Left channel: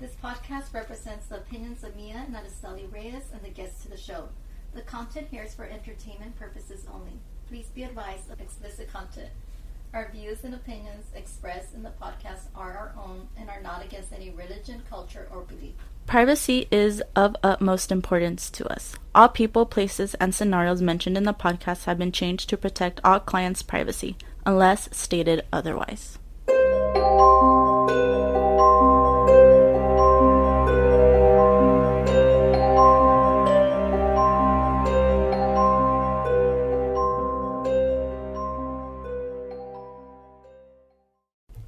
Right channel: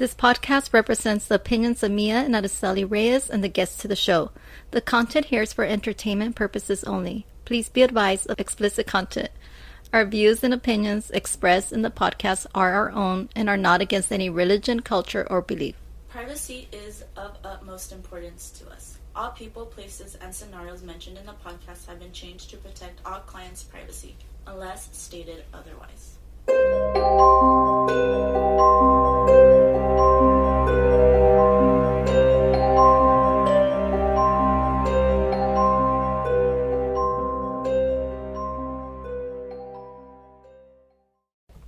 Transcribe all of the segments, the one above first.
This podcast represents the opinions of Mia and Araceli Reyes and the guests to the show. The content here is for entertainment purposes only. Please be advised of explicit content. Our views and opinions expressed in the podcast are our own and are not against any religion, culture, or belief. Privacy is of utmost importance to us. All people, places, and scenarios mentioned in the podcast have been changed to protect all clients' privacy, unless stated otherwise.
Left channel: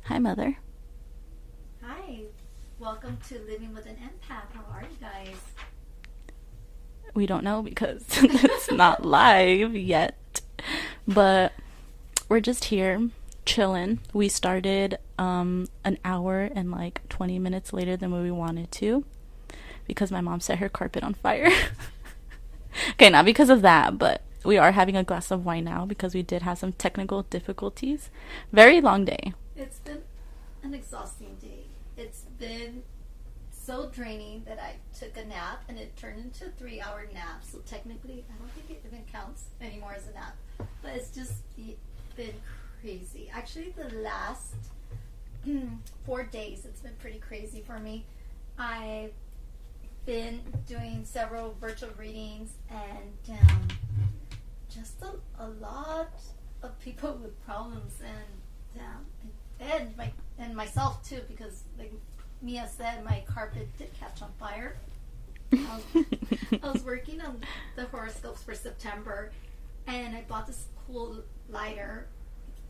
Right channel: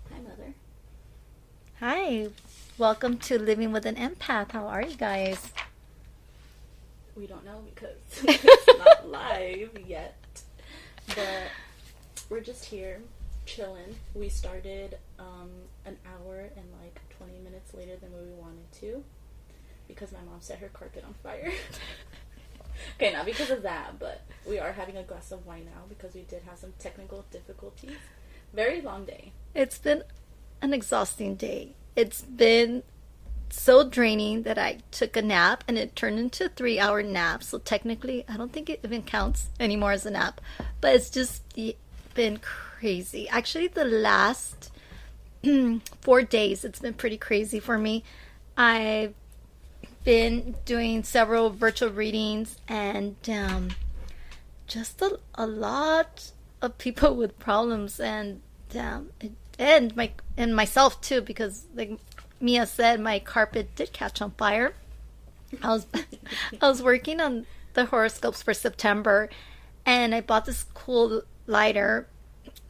Hi, Mother. Hi, welcome to Living with an Empath. How are you guys? We don't know because it's not live yet, but we're just here chilling. We started an hour and like 20 minutes later than what we wanted to because my mom set her carpet on fire. Okay, not because of that, but we are having a glass of wine now because we did have some technical difficulties. Very long day. It's been an exhausting day. It's been so draining that I took a nap and it turned into a 3-hour nap. So technically, I don't think it even counts anymore as a nap. But it's just been crazy. Actually, the last 4 days, it's been pretty crazy for me. I've been doing several virtual readings and just a lot of people with problems and myself too, because like Mia said, my carpet did catch on fire. I was working on the horoscopes for September, and I bought this cool lighter,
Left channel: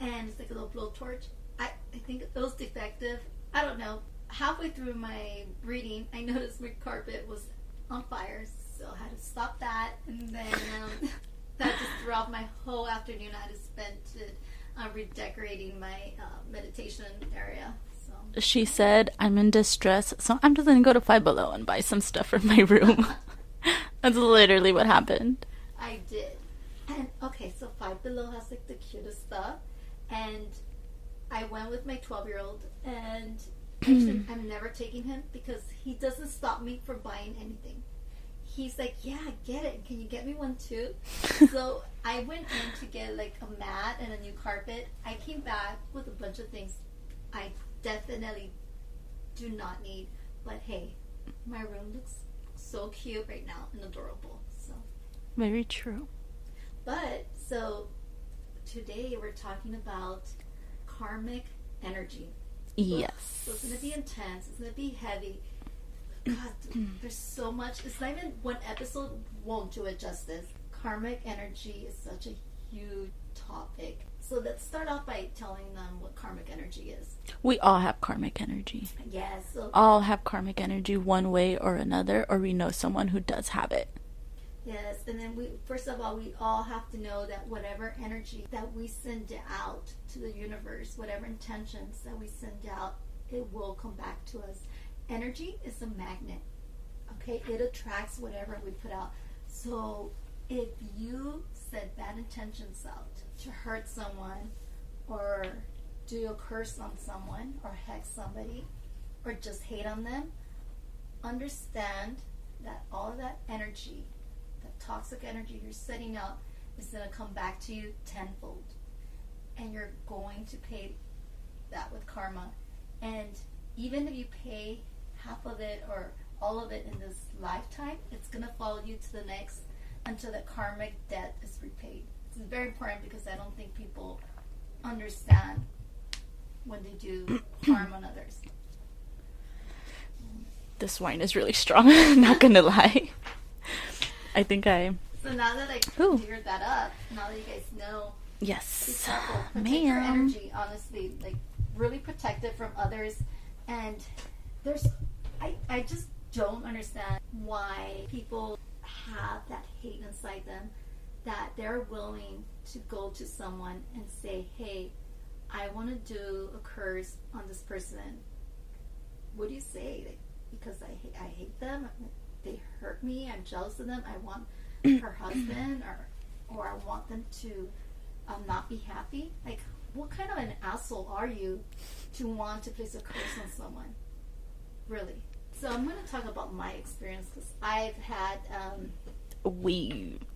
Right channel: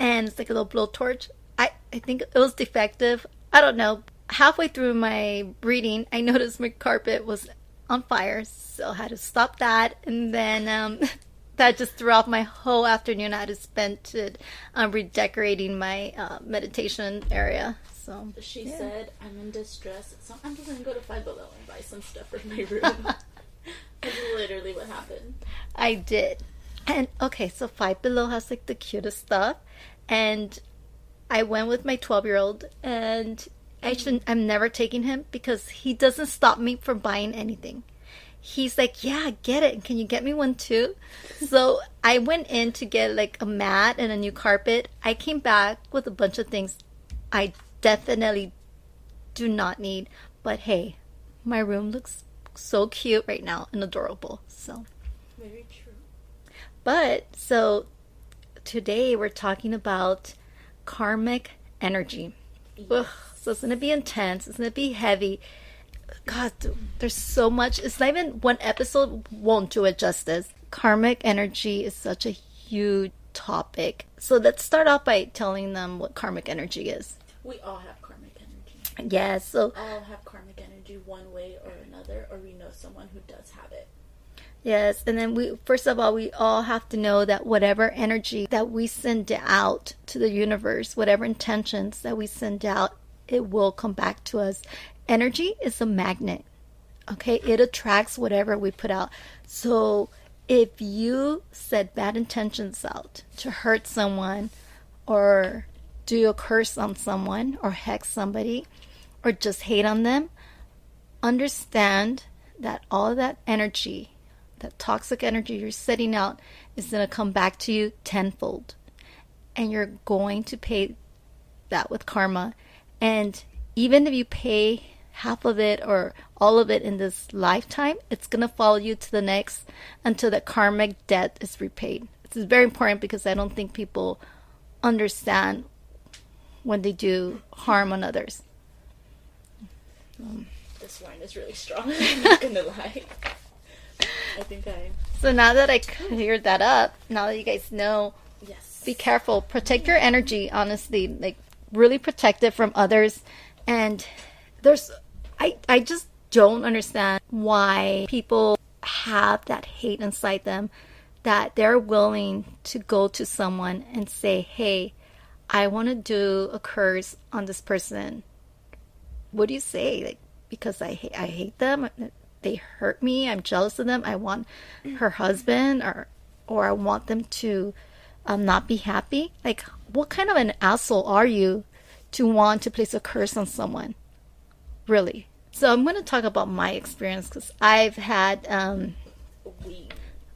and it's like a little blowtorch. I think it was defective. I don't know. Halfway through my reading, I noticed my carpet was on fire, so I had to stop that, and then that just threw off my whole afternoon. I had to spend it redecorating my meditation area. So she said, I'm in distress, so I'm just gonna go to Five Below and buy some stuff for my room. That's literally what happened. I did. And okay, so Five Below has like the cutest stuff, and I went with my 12-year-old, and I'm never taking him because he doesn't stop me from buying anything. He's like, yeah, I get it. Can you get me one too? So I went in to get like a mat and a new carpet. I came back with a bunch of things I definitely do not need. But hey, my room looks so cute right now and adorable. So very true. But so today we're talking about karmic energy. Yes. Ugh, so it's going to be intense. It's going to be heavy. God, there's so much. It's not even one episode won't do it justice. Karmic energy is such a huge topic. So let's start off by telling them what karmic energy is. We all have karmic energy. Yes. So all have karmic energy one way or another, or we know someone who does have it. Yes. And then we all have to know that whatever energy that we send out to the universe, whatever intentions that we send out, it will come back to us. Energy is a magnet, okay? It attracts whatever we put out. So if you set bad intentions out to hurt someone or do a curse on someone or hex somebody or just hate on them, understand that all of that energy, that toxic energy you're setting out, is going to come back to you tenfold. And you're going to pay that with karma. And even if you pay half of it or all of it in this lifetime, it's going to follow you to the next until the karmic debt is repaid. This is very important because I don't think people understand when they do harm on others. This wine is really strong. I'm not going to lie. So now that I cleared that up, now that you guys know, yes, be careful. Protect your energy, honestly. Like, really protect it from others. And I just don't understand why people have that hate inside them, that they're willing to go to someone and say, hey, I want to do a curse on this person. What do you say? Like, because I hate them, they hurt me, I'm jealous of them, I want her husband, or I want them to not be happy. Like, what kind of an asshole are you to want to place a curse on someone? Really? So I'm going to talk about my experience because I've had We,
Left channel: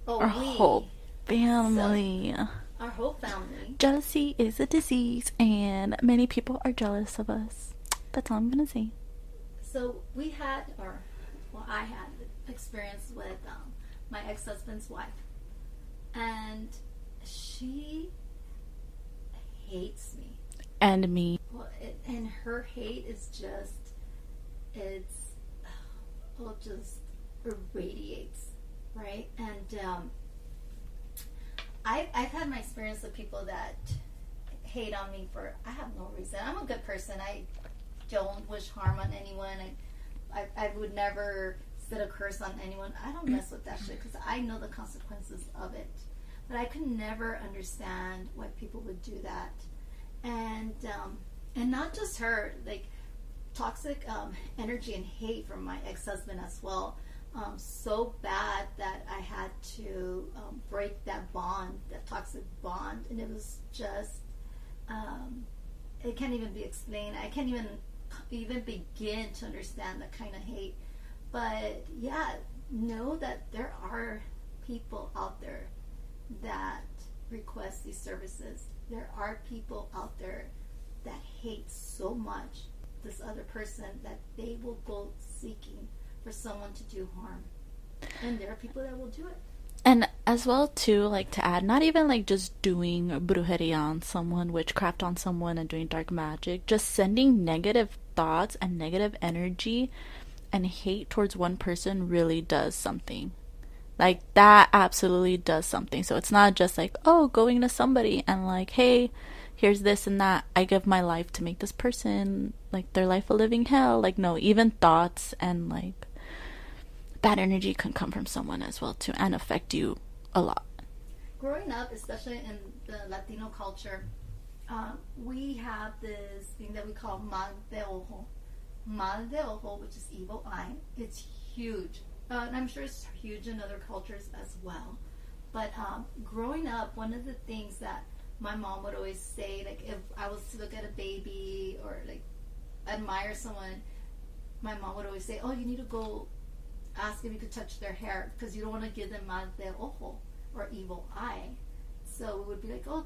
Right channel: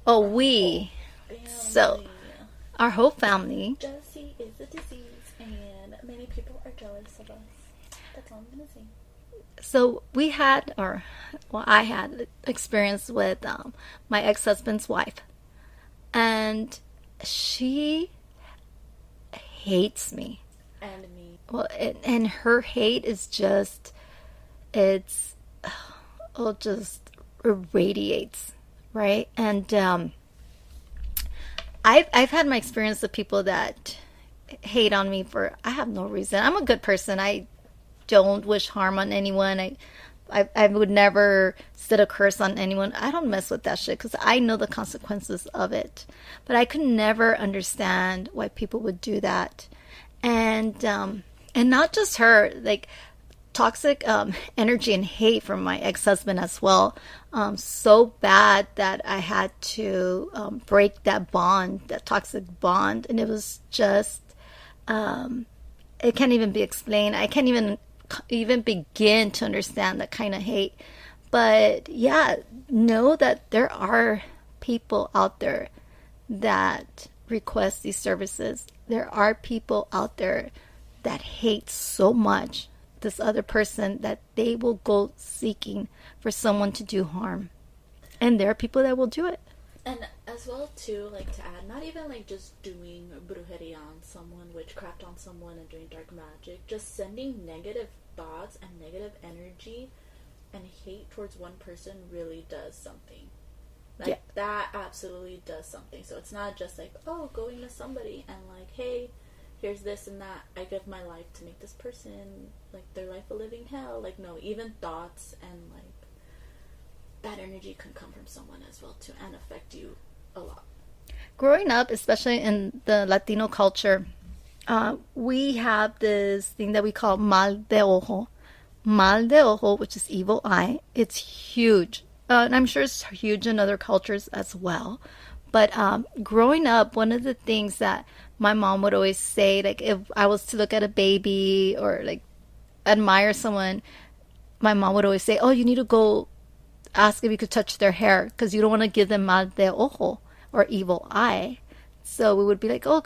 oh our whole we so family. our whole family. Jealousy is a disease, and many people are jealous of us. That's all I'm gonna say. So we had, or well, I had experience with my ex-husband's wife, and she hates me. And me. Well, and her hate is just, it's, it just irradiates, right? And I've had my experience with people that hate on me for I have no reason. I'm a good person. I don't wish harm on anyone. I would never sit a curse on anyone. I don't mess with that shit because I know the consequences of it. But I could never understand why people would do that, and not just her. Like toxic energy and hate from my ex-husband as well. So bad that I had to break that bond, that toxic bond, and it was just it can't even be explained. I can't even begin to understand that kind of hate. But yeah, know that there are people out there that request these services. There are people out there that hate so much this other person that they will go seeking for someone to do harm. And there are people that will do it. And as well too, like to add, not even like just doing brujeria on someone, witchcraft on someone, and doing dark magic, just sending negative thoughts and negative energy and hate towards one person really does something. Like that absolutely does something. So it's not just like, oh, going to somebody and like, hey, here's this and that. I give my life to make this person like their life a living hell. Like no, even thoughts and like bad energy can come from someone as well too and affect you a lot. Growing up, especially in the Latino culture, we have this thing that we call mal de ojo. Mal de ojo, which is evil eye. It's huge. And I'm sure it's huge in other cultures as well. But growing up, one of the things that my mom would always say, like if I was to look at a baby or like admire someone, my mom would always say, oh, you need to go ask if you could touch their hair because you don't want to give them mal de ojo or evil eye. So we would be like, oh,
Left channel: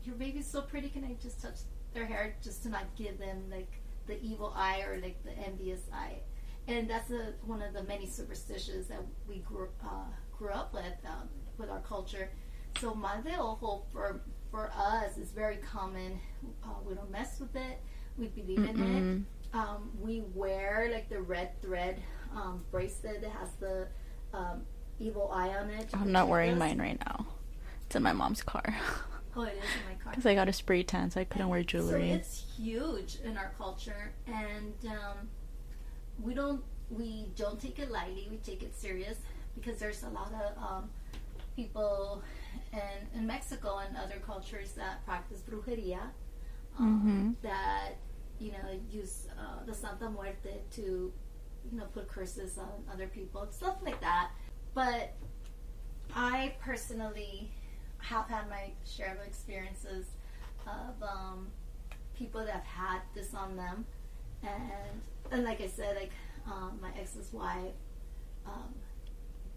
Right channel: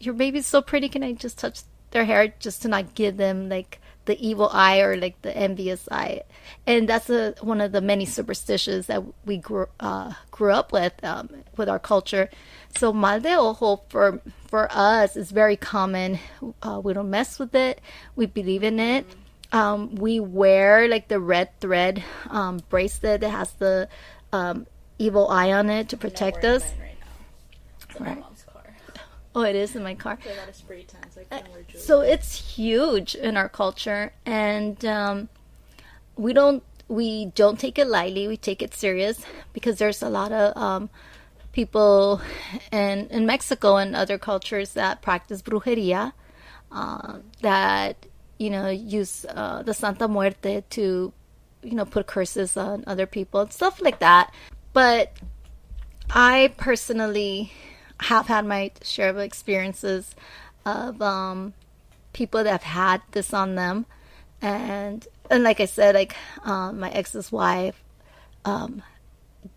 your baby's so pretty. Can I just touch their hair just to not give them like the evil eye or like the envious eye? And that's one of the many superstitions that we grew up with our culture. So mal de ojo for us is very common. We don't mess with it. We believe in it. We wear like the red thread bracelet that has the evil eye on it to protect us. I'm not wearing mine right now. It's in my mom's car. Oh, it is in my car. So I got a spray tan, so I couldn't wear jewelry. So it's huge in our culture, and we don't take it lightly. We take it serious because there's a lot of people in Mexico and other cultures that practice brujeria, that use the Santa Muerte to put curses on other people and stuff like that. But I personally have had my share of experiences of people that have had this on them, and like I said, like my ex's wife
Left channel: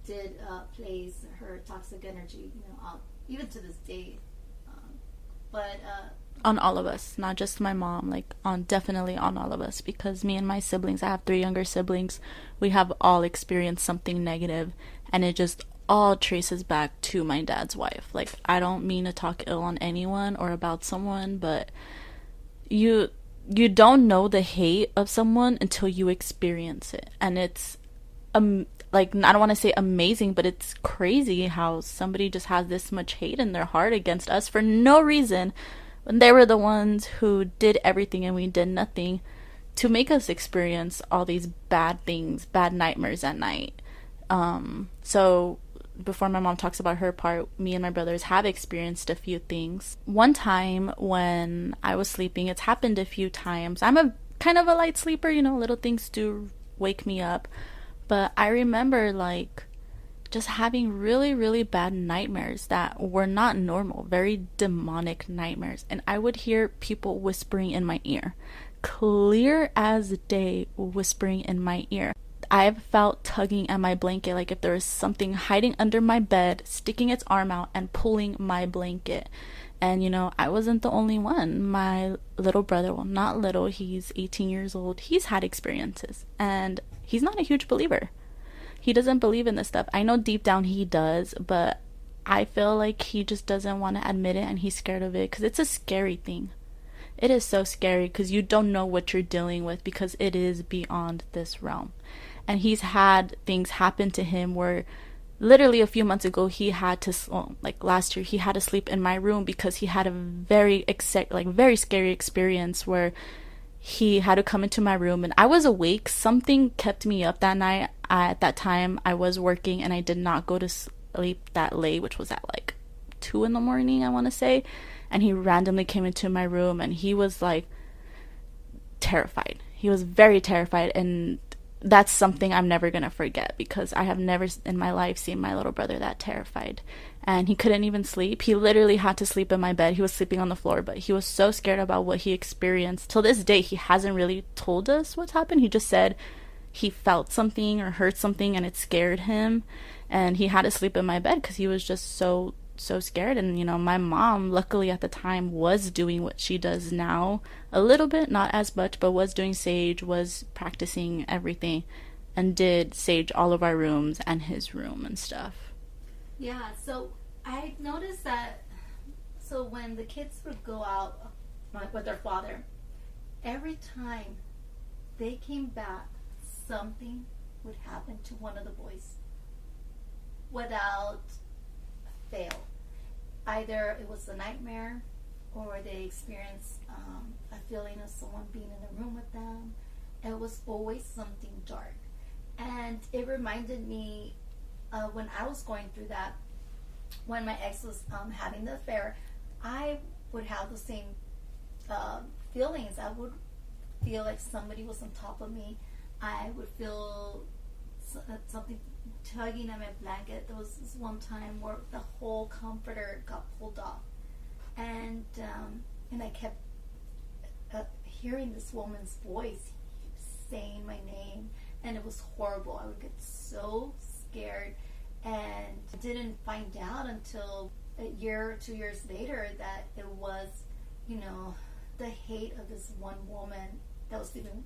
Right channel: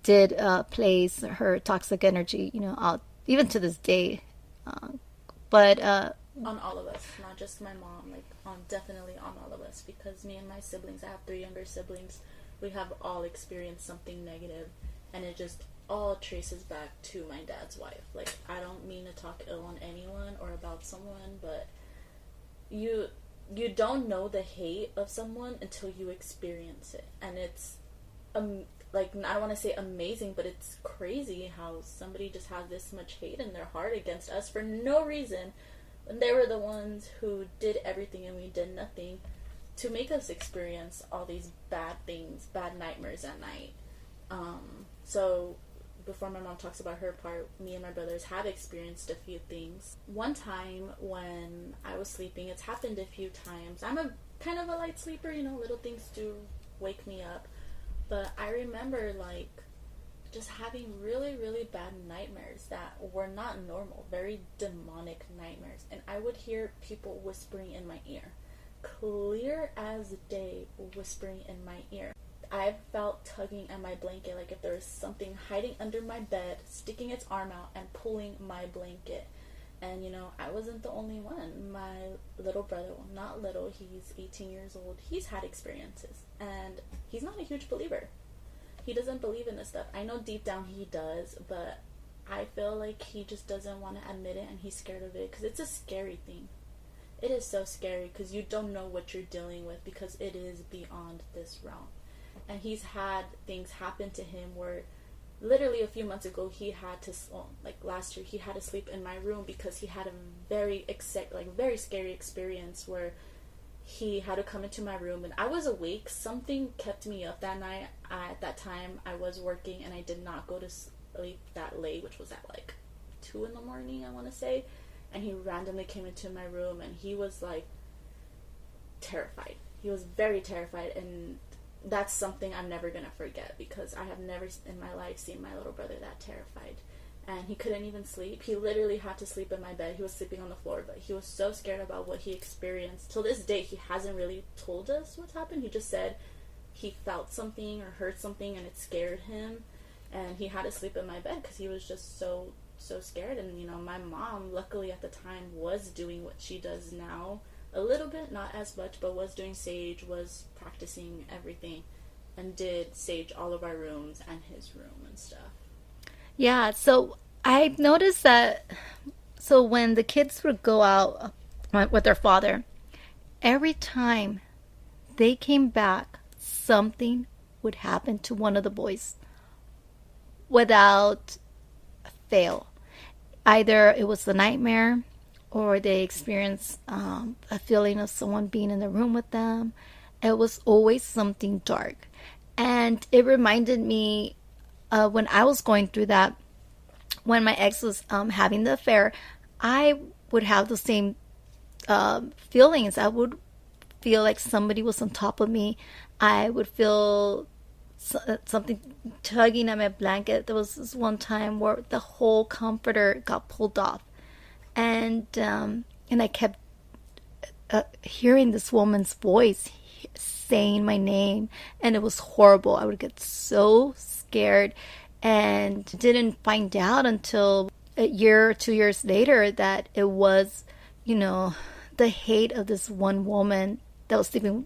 did place her toxic energy out even to this day, but on all of us, not just my mom, like definitely on all of us, because me and my siblings, I have 3 younger siblings, we have all experienced something negative, and it just all traces back to my dad's wife. Like I don't mean to talk ill on anyone or about someone, but you don't know the hate of someone until you experience it, and it's like I don't want to say amazing, but it's crazy how somebody just has this much hate in their heart against us for no reason, when they were the ones who did everything and we did nothing to make us experience all these bad things, bad nightmares at night. So before my mom talks about her part, me and my brothers have experienced a few things. One time when I was sleeping, it's happened a few times. I'm a kind of a light sleeper, little things do wake me up. But I remember like just having really, really bad nightmares that were not normal, very demonic nightmares. And I would hear people whispering in my ear. clear as day, whispering in my ear. I've felt tugging at my blanket, like if there was something hiding under my bed, sticking its arm out and pulling my blanket. And I wasn't the only one. My little brother, well, not little, he's 18 years old, he's had experiences. And he's not a huge believer. He doesn't believe in this stuff. I know deep down he does, but I feel like he just doesn't want to admit it, and he's scared of it because it's a scary thing. It is so scary because you don't know what you're dealing with, because it is beyond this realm. And he's had things happen to him where literally a few months ago he had to, like last year, he had to sleep in my room because he had a very very scary experience where he had to come into my room and I was awake. Something kept me up that night. At that time I was working and I did not go to sleep that late, which was at like 2 in the morning, I want to say. And he randomly came into my room and he was like terrified. He was very terrified, and that's something I'm never going to forget, because I have never in my life seen my little brother that terrified. And he couldn't even sleep. He literally had to sleep in my bed. He was sleeping on the floor, but he was so scared about what he experienced. Till this day, he hasn't really told us what's happened. He just said he felt something or heard something and it scared him. And he had to sleep in my bed because he was just so scared. And my mom, luckily at the time, was doing what she does now a little bit, not as much, but was doing sage, was practicing everything, and did sage all of our rooms and his room and stuff. Yeah, so I noticed that, so when the kids would go out with their father, every time they came back, something would happen to one of the boys without fail. Either it was a nightmare, or they experienced a feeling of someone being in the room with them. It was always something dark. And it reminded me when I was going through that, when my ex was having the affair, I would have the same feelings. I would feel like somebody was on top of me. I would feel something tugging at my blanket. There was this one time where the whole comforter got pulled off, and I kept hearing this woman's voice saying my name, and it was horrible. I would get so scared, and didn't find out until a year or 2 years later that it was, the hate of this one woman that was sleeping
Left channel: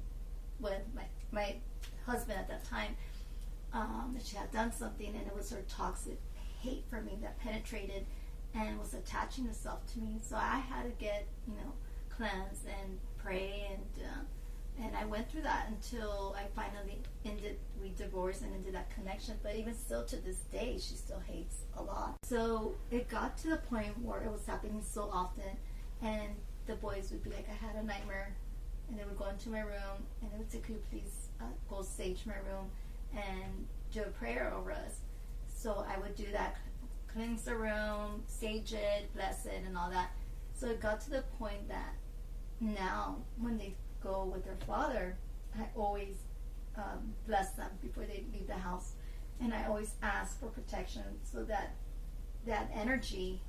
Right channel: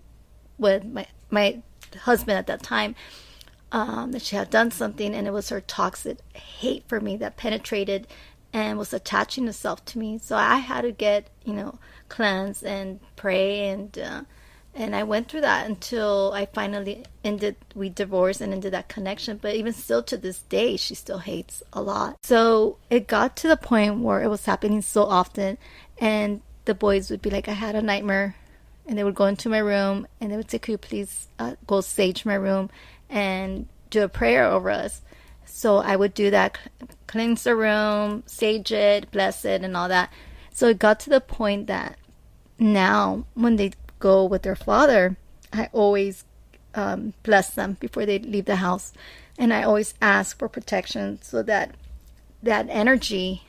with my husband at that time. That she had done something, and it was her toxic hate for me that penetrated and was attaching itself to me. So I had to get, cleanse and pray, and I went through that until I finally we divorced and ended that connection. But even still to this day, she still hates a lot. So it got to the point where it was happening so often, and the boys would be like, I had a nightmare, and they would go into my room and they would say, could you please go sage my room and do a prayer over us. So I would do that, cleanse the room, sage it, bless it, and all that. So it got to the point that now when they go with their father, I always bless them before they leave the house. And I always ask for protection so that that energy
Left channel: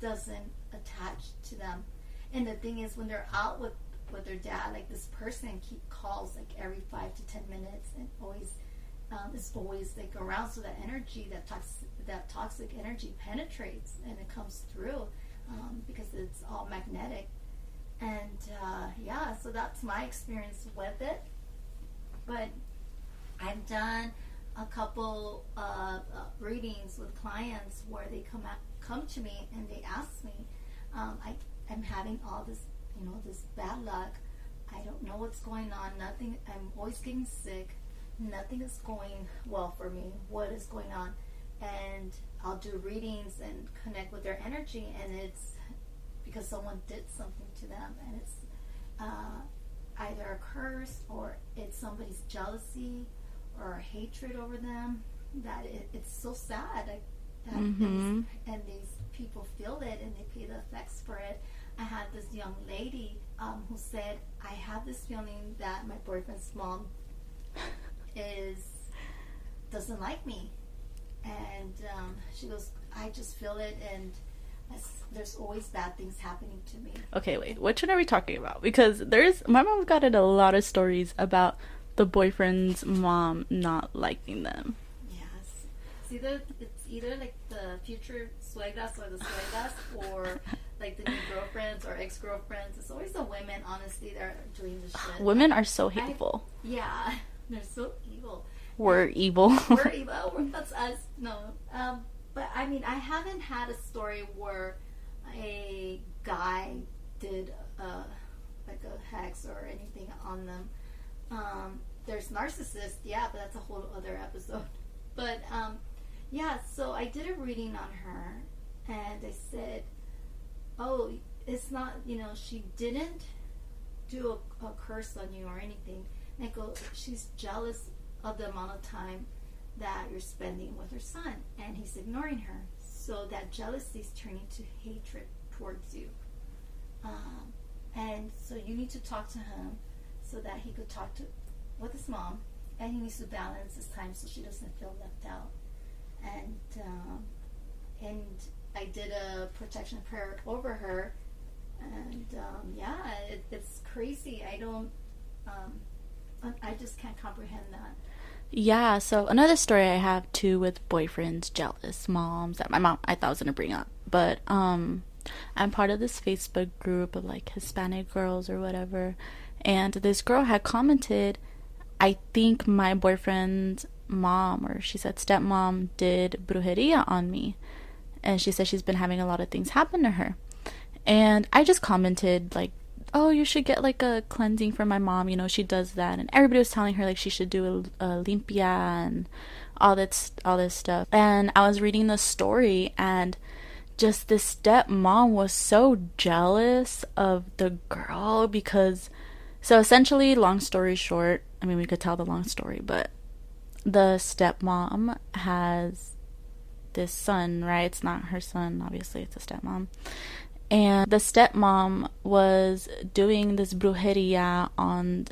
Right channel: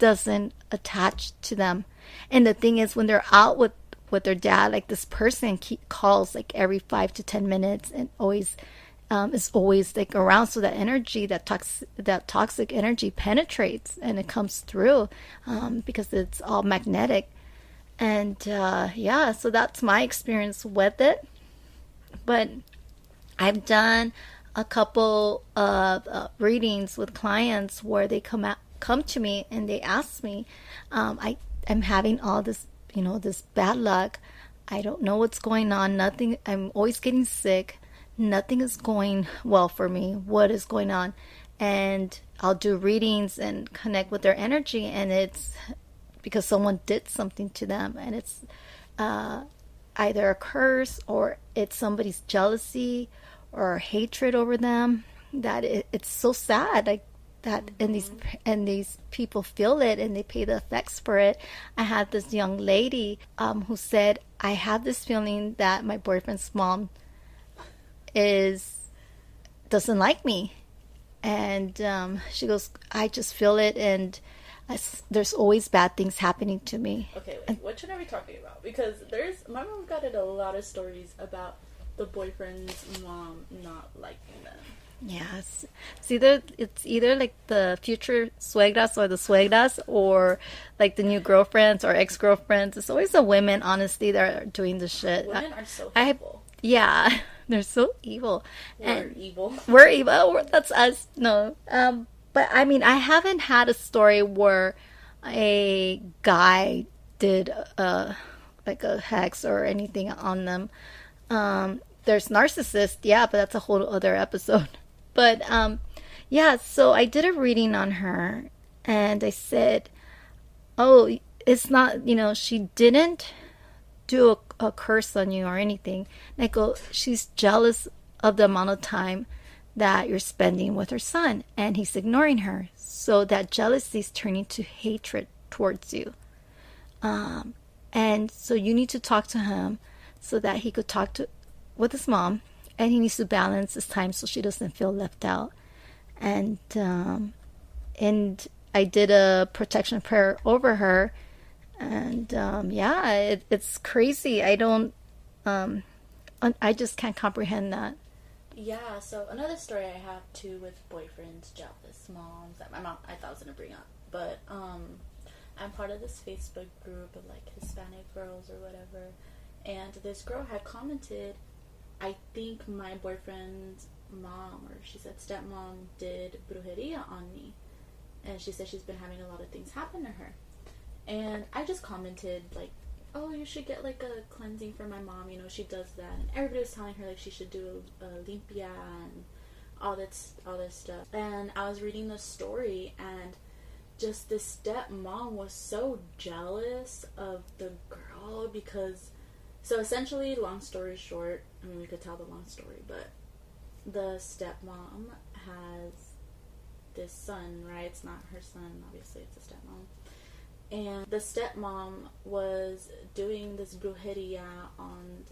doesn't attach to them. And the thing is, when they're out with their dad, like this person calls like every 5 to 10 minutes and always is always like around, so that energy, that toxic energy penetrates and it comes through because it's all magnetic. And so that's my experience with it. But I've done a couple of readings with clients where they come to me and they ask me, I'm having all this, this bad luck. I don't know what's going on. Nothing. I'm always getting sick. Nothing is going well for me. What is going on? And I'll do readings and connect with their energy, and it's because someone did something to them, and it's either a curse or it's somebody's jealousy or hatred over them. That it's so sad, like that. Mm-hmm. and these people feel it and they pay the effects for it. I had this young lady who said, I have this feeling that my boyfriend's mom doesn't like me, and she goes, I just feel it, and there's always bad things happening to me. Okay, wait. Which one are we talking about? Because my mom got in a lot of stories about the boyfriend's mom not liking them. Yes. It's either like the future suegras or the suegras, or like the new girlfriends or ex-girlfriends. It's always the women, honestly, that are doing the shit. Women are so hateful. Yeah. They're so evil. We're evil. We're evil. That's us. No. But I mean, I haven't had a story where a guy did like a hex or anything on them. There's narcissists, yeah, but that's a whole other episode. But yeah, so I did a reading on her, and I said, oh, it's not, she didn't do a curse on you or anything. And I go, she's jealous of the amount of time that you're spending with her son, and he's ignoring her. So that jealousy is turning to hatred towards you. And so you need to talk to him so that he could talk with his mom, and he needs to balance his time so she doesn't feel left out. And I did a protection prayer over her, and yeah, it's crazy. I just can't comprehend that. Yeah, so another story I have too with boyfriends, jealous moms that my mom I thought was gonna bring up. But I'm part of this Facebook group of like Hispanic girls or whatever, and this girl had commented, I think my boyfriend's mom, or she said stepmom, did brujeria on me. And she said she's been having a lot of things happen to her. And I just commented like, oh, you should get like a cleansing for my mom, she does that. And everybody was telling her like she should do a limpia and all this stuff. And I was reading the story, and just this stepmom was so jealous of the girl because, so essentially, long story short, I mean, we could tell the long story, but the stepmom has this son, right? It's not her son, obviously, it's a stepmom. And the stepmom was doing this brujeria on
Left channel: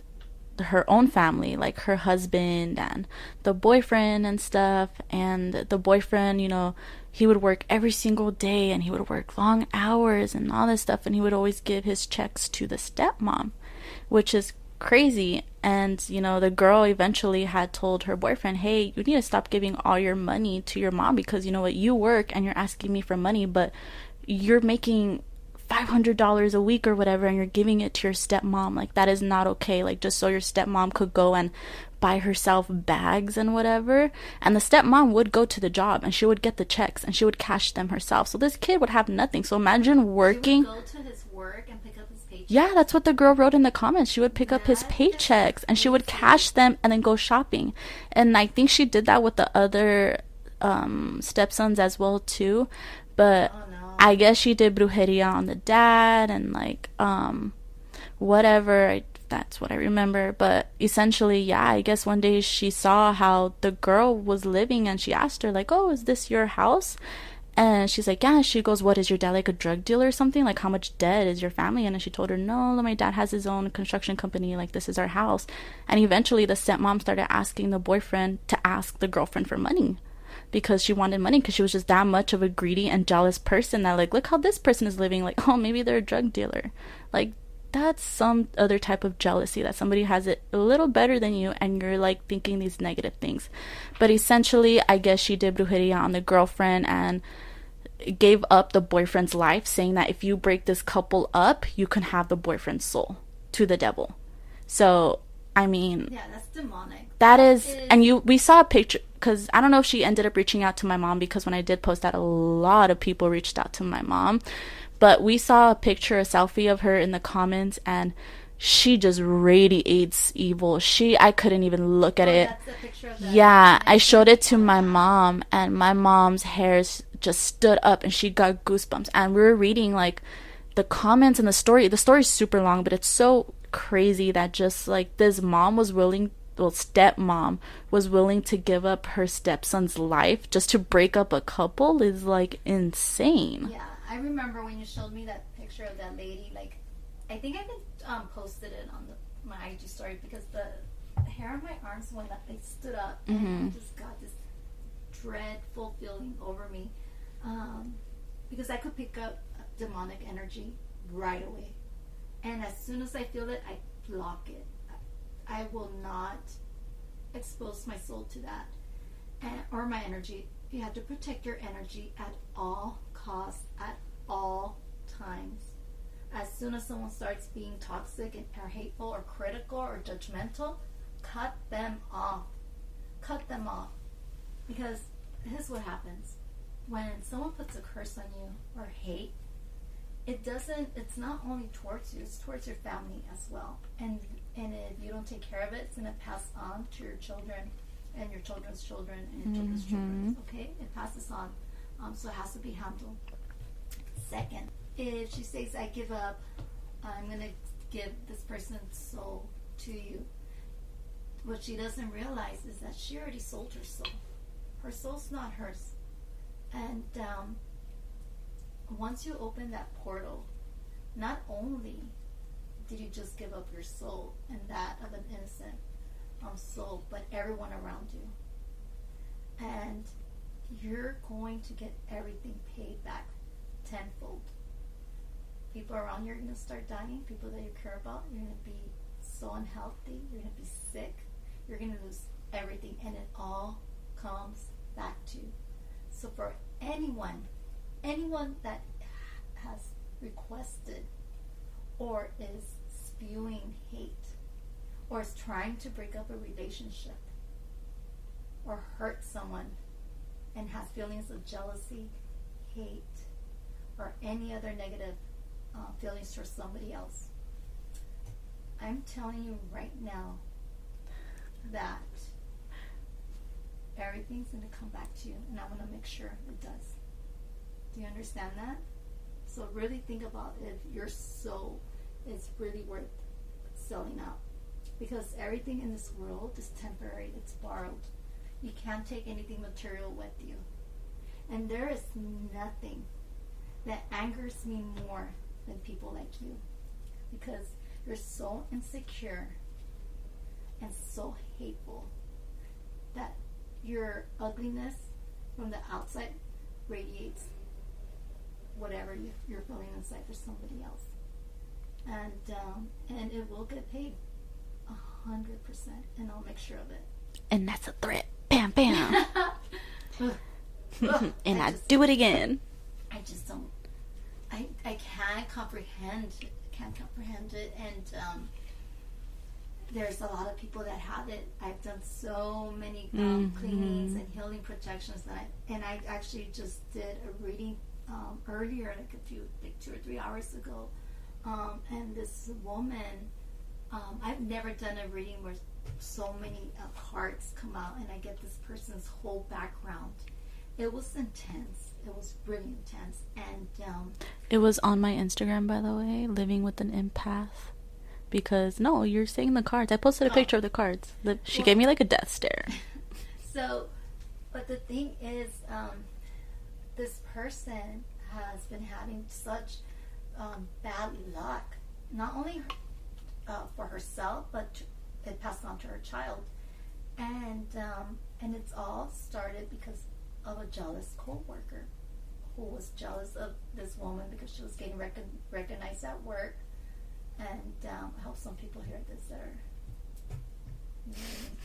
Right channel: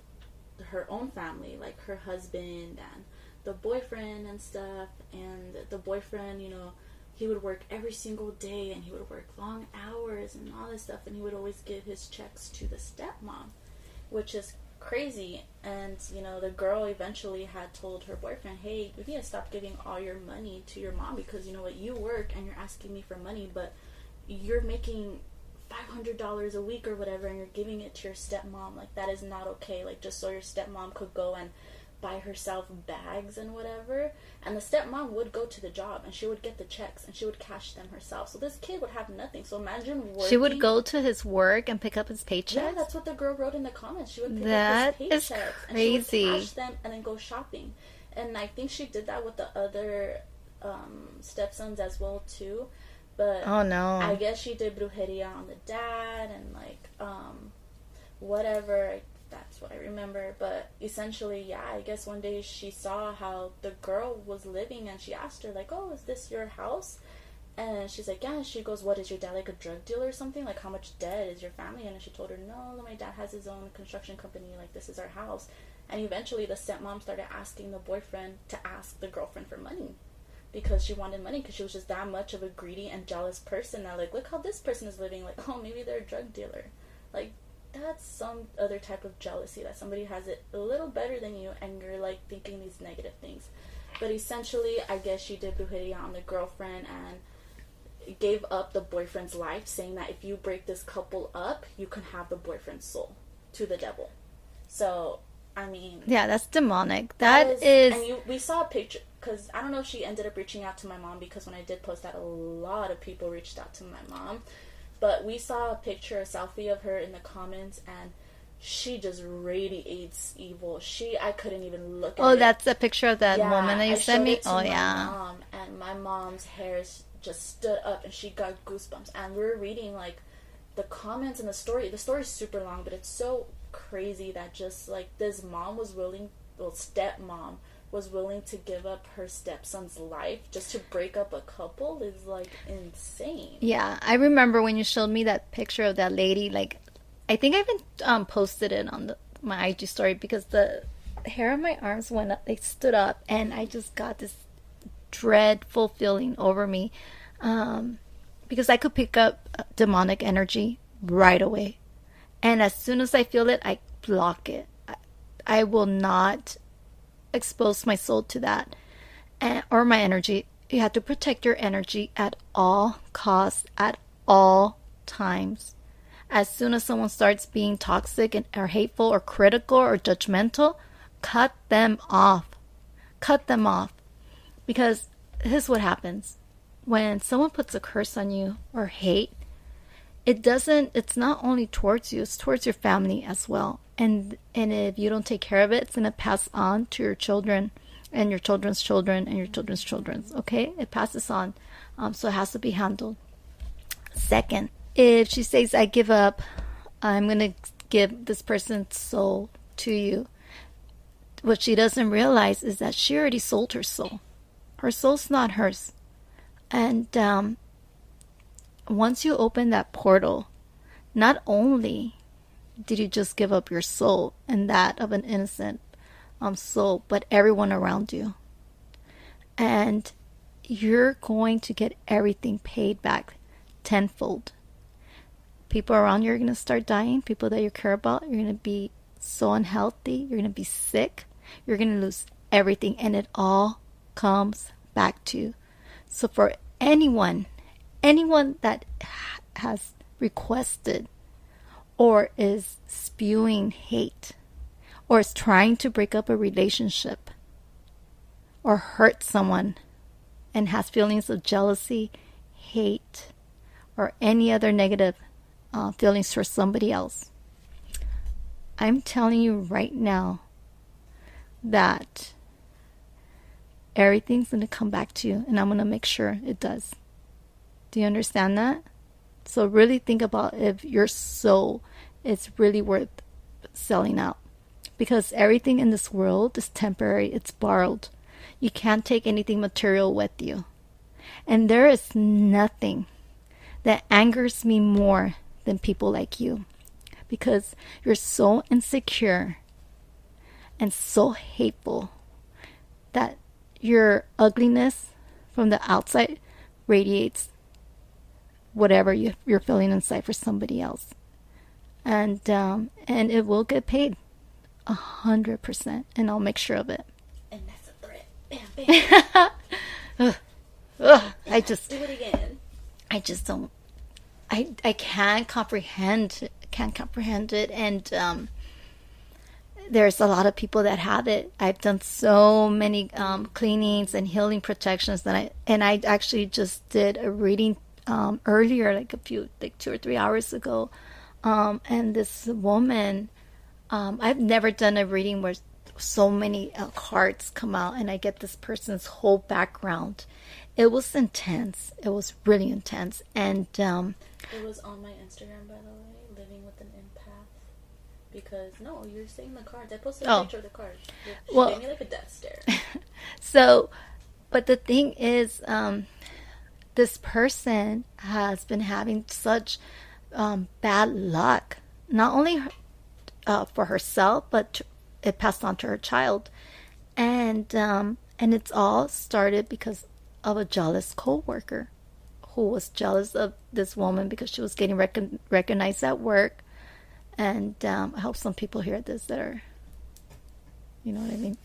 her own family, like her husband and the boyfriend and stuff. And the boyfriend, he would work every single day, and he would work long hours and all this stuff, and he would always give his checks to the stepmom, which is crazy. And the girl eventually had told her boyfriend, hey, you need to stop giving all your money to your mom, because you work and you're asking me for money, but you're making $500 a week or whatever, and you're giving it to your stepmom. Like, that is not okay. Like, just so your stepmom could go and buy herself bags and whatever. And the stepmom would go to the job, and she would get the checks, and she would cash them herself. So this kid would have nothing. So imagine working. She would go to his work and pick up his paychecks? Yeah, that's what the girl wrote in the comments. She would pick up his paychecks, and she would cash them and then go shopping. And I think she did that with the other stepsons as well too. But oh no, I guess she did brujeria on the dad and like whatever. That's what I remember. But essentially, yeah, I guess one day she saw how the girl was living, and she asked her like, oh, is this your house? And she's like, yeah. She goes, what, is your dad like a drug dealer or something? Like, how much debt is your family? And then she told her, no, my dad has his own construction company, like, this is our house. And eventually the stepmom started asking the boyfriend to ask the girlfriend for money, because she wanted money, because she was just that much of a greedy and jealous person that, like, look how this person is living. Like, oh, maybe they're a drug dealer. Like, that's some other type of jealousy, that somebody has it a little better than you and you're, like, thinking these negative things. But essentially, I guess she did brujeria on the girlfriend and gave up the boyfriend's life, saying that if you break this couple up, you can have the boyfriend's soul to the devil. So, I mean... yeah, that's demonic. That is... And we saw a picture... because I don't know if she ended up reaching out to my mom, because when I did post that, a lot of people reached out to my mom. But we saw a picture, a selfie of her in the comments, and she just radiates evil. I couldn't even look at it. Oh, that's a picture of that. Yeah, I showed it to my mom, and my mom's hairs just stood up, and she got goosebumps. And we were reading, like, the comments and the story. The story's super long, but it's so crazy that just, like, this mom was willing... well, stepmom was willing to give up her stepson's life just to break up a couple is, like, insane. Yeah, I remember when you showed me that picture of that lady. Like, I think I even posted it on my IG story, because the hair of my arms went up, they stood up, and I just got this dreadful feeling over me, because I could pick up demonic energy right away. And as soon as I feel it, I block it. I will not expose my soul to that, or my energy. You have to protect your energy at all costs, at all times. As soon as someone starts being toxic or hateful or critical or judgmental, cut them off. Cut them off. Because here's what happens. When someone puts a curse on you or hate, it's not only towards you, it's towards your family as well. And if you don't take care of it, it's going to pass on to your children and your children's children and your children's children. Okay? It passes on. So it has to be handled. Second, if she says, I give up, I'm going to give this person's soul to you. What she doesn't realize is that she already sold her soul. Her soul's not hers. And once you open that portal, not only did you just give up your soul and that of an innocent soul, but everyone around you. And you're going to get everything paid back tenfold. People around you are going to start dying. People that you care about, you're going to be so unhealthy. You're going to be sick. You're going to lose everything. And it all comes back to you. So for anyone that has requested or is spewing hate or is trying to break up a relationship or hurt someone and has feelings of jealousy, hate, or any other negative feelings for somebody else, I'm telling you right now that everything's going to come back to you, and I'm going to make sure it does. Do you understand that? So really think about if your soul is really worth selling out, because everything in this world is temporary. It's borrowed. You can't take anything material with you. And there is nothing that angers me more than people like you, because you're so insecure and so hateful that your ugliness from the outside radiates whatever you're feeling inside for somebody else. And it will get paid 100%, and I'll make sure of it. And that's a threat. Bam, bam. And I just do it again. I just don't. I can't comprehend it, and there's a lot of people that have it. I've done so many cleanings and healing protections that I actually just did a reading earlier, like 2 or 3 hours ago, and this woman, I've never done a reading where so many cards come out and I get this person's whole background. It was intense. It was really intense. And it was on my Instagram, by the way, Living with an Empath. Because, no, you're saying the cards. I posted a picture of the cards. She gave me like a death stare. So, but the thing is, this person has been having such bad luck. Not only for herself, but it passed on to her child. And it's all started because of a jealous co-worker who was jealous of this woman because she was getting recognized at work. And I hope some people hear this that are, you know what I mean?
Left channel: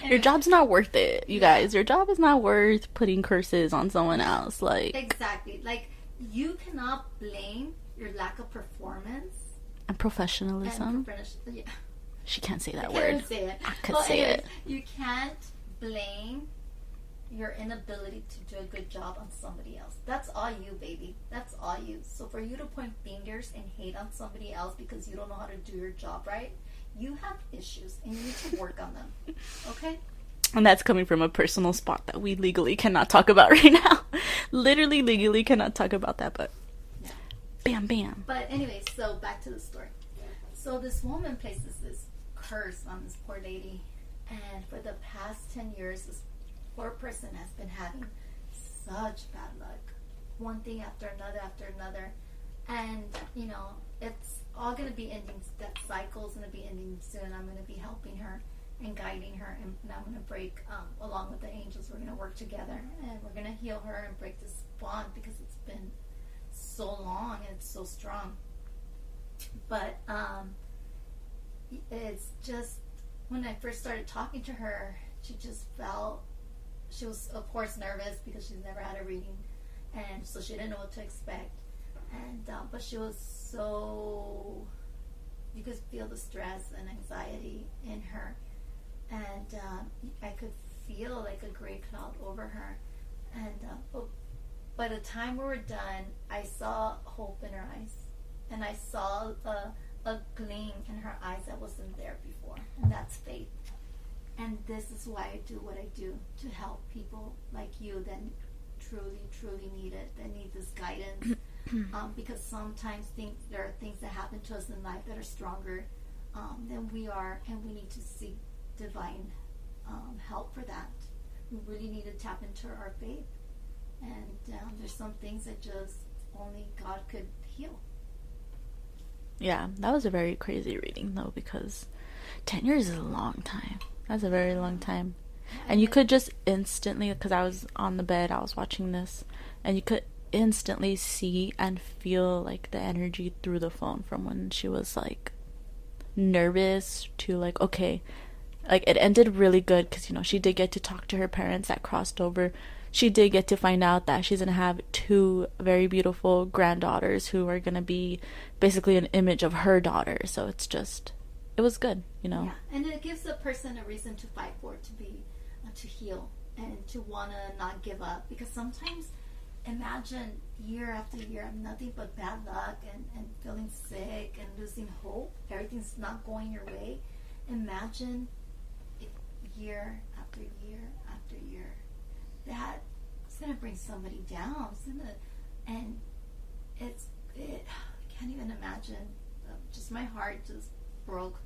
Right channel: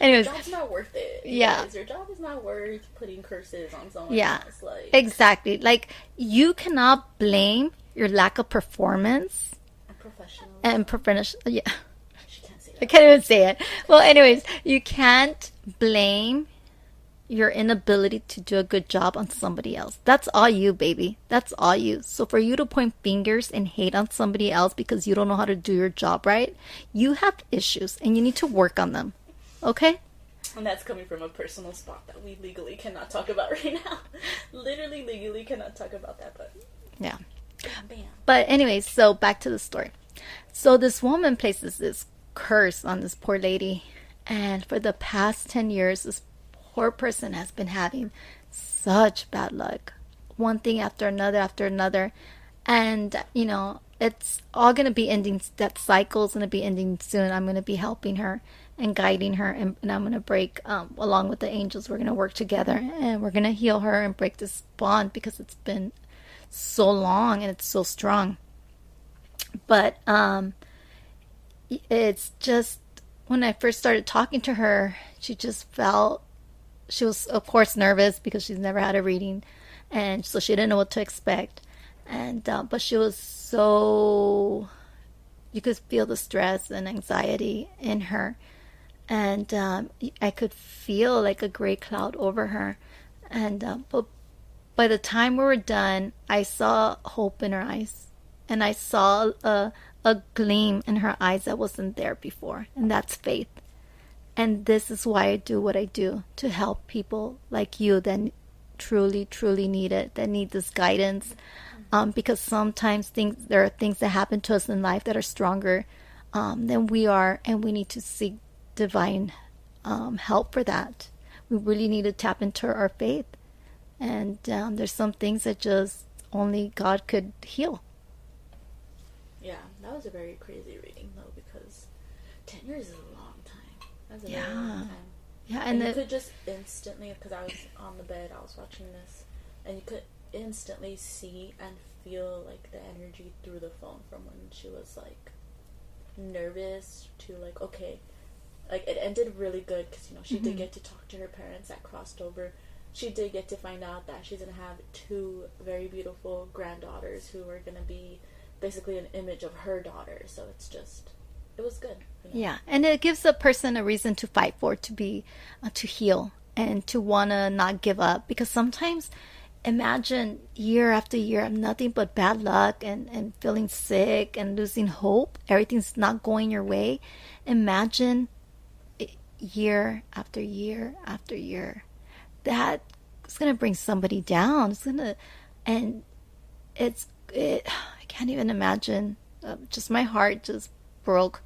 Anyways, your job's not worth it, you guys. Your job is not worth putting curses on someone else. Like, exactly. Like, you cannot blame your lack of performance and professionalism. Yeah. She can't say that. I can't even say it. Well, anyways, you can't blame your inability to do a good job on somebody else. That's all you, baby. That's all you. So for you to point fingers and hate on somebody else because you don't know how to do your job right, you have issues and you need to work on them. Okay? And that's coming from a personal spot that we legally cannot talk about right now. Literally, legally cannot talk about that, but yeah. Bam, bam. But anyways, so back to the story. So this woman places this curse on this poor lady, and for the past 10 years, this poor person has been having such bad luck, one thing after another, and you know, it's all going to be ending. That cycle's going to be ending soon. I'm going to be helping her, and guiding her, and I'm going to break, along with the angels, we're going to work together, and we're going to heal her and break this bond, because it's been so long and it's so strong. But it's just, when I first started talking to her, she just felt, she was of course nervous because she's never had a reading, and so she didn't know what to expect. And but she was so, you could feel the stress and anxiety in her, and I could feel like a gray cloud over her. And but by the time we were done, I saw hope in her eyes, and I saw a gleam in her eyes that wasn't there before, and that's faith. And this is why I do what I do, to help people like you that truly, truly need it, that need this guidance. Because sometimes there are things that happen to us in life that are stronger than we are, and we need to seek divine help for that. We really need to tap into our faith. And there's some things that just only God could heal. Yeah, that was a very crazy reading, though, because 10 years is a long time. That's a very long time. Yeah, and you could just instantly, because I was on the bed, I was watching this, and you could instantly see and feel like the energy through the phone, from when she was like nervous to like, okay, like it ended really good, because, you know, she did get to talk to her parents that crossed over. She did get to find out that she's gonna have 2 very beautiful granddaughters who are gonna be basically an image of her daughter. So it's just, it was good, you know. Yeah, and it gives a person a reason to fight for, to be, to heal, and to want to not give up. Because sometimes, imagine year after year of nothing but bad luck, and feeling sick and losing hope. Everything's not going your way. Imagine year after year after year. That is going to bring somebody down. It's going to, and I can't even imagine. Just my heart just broke.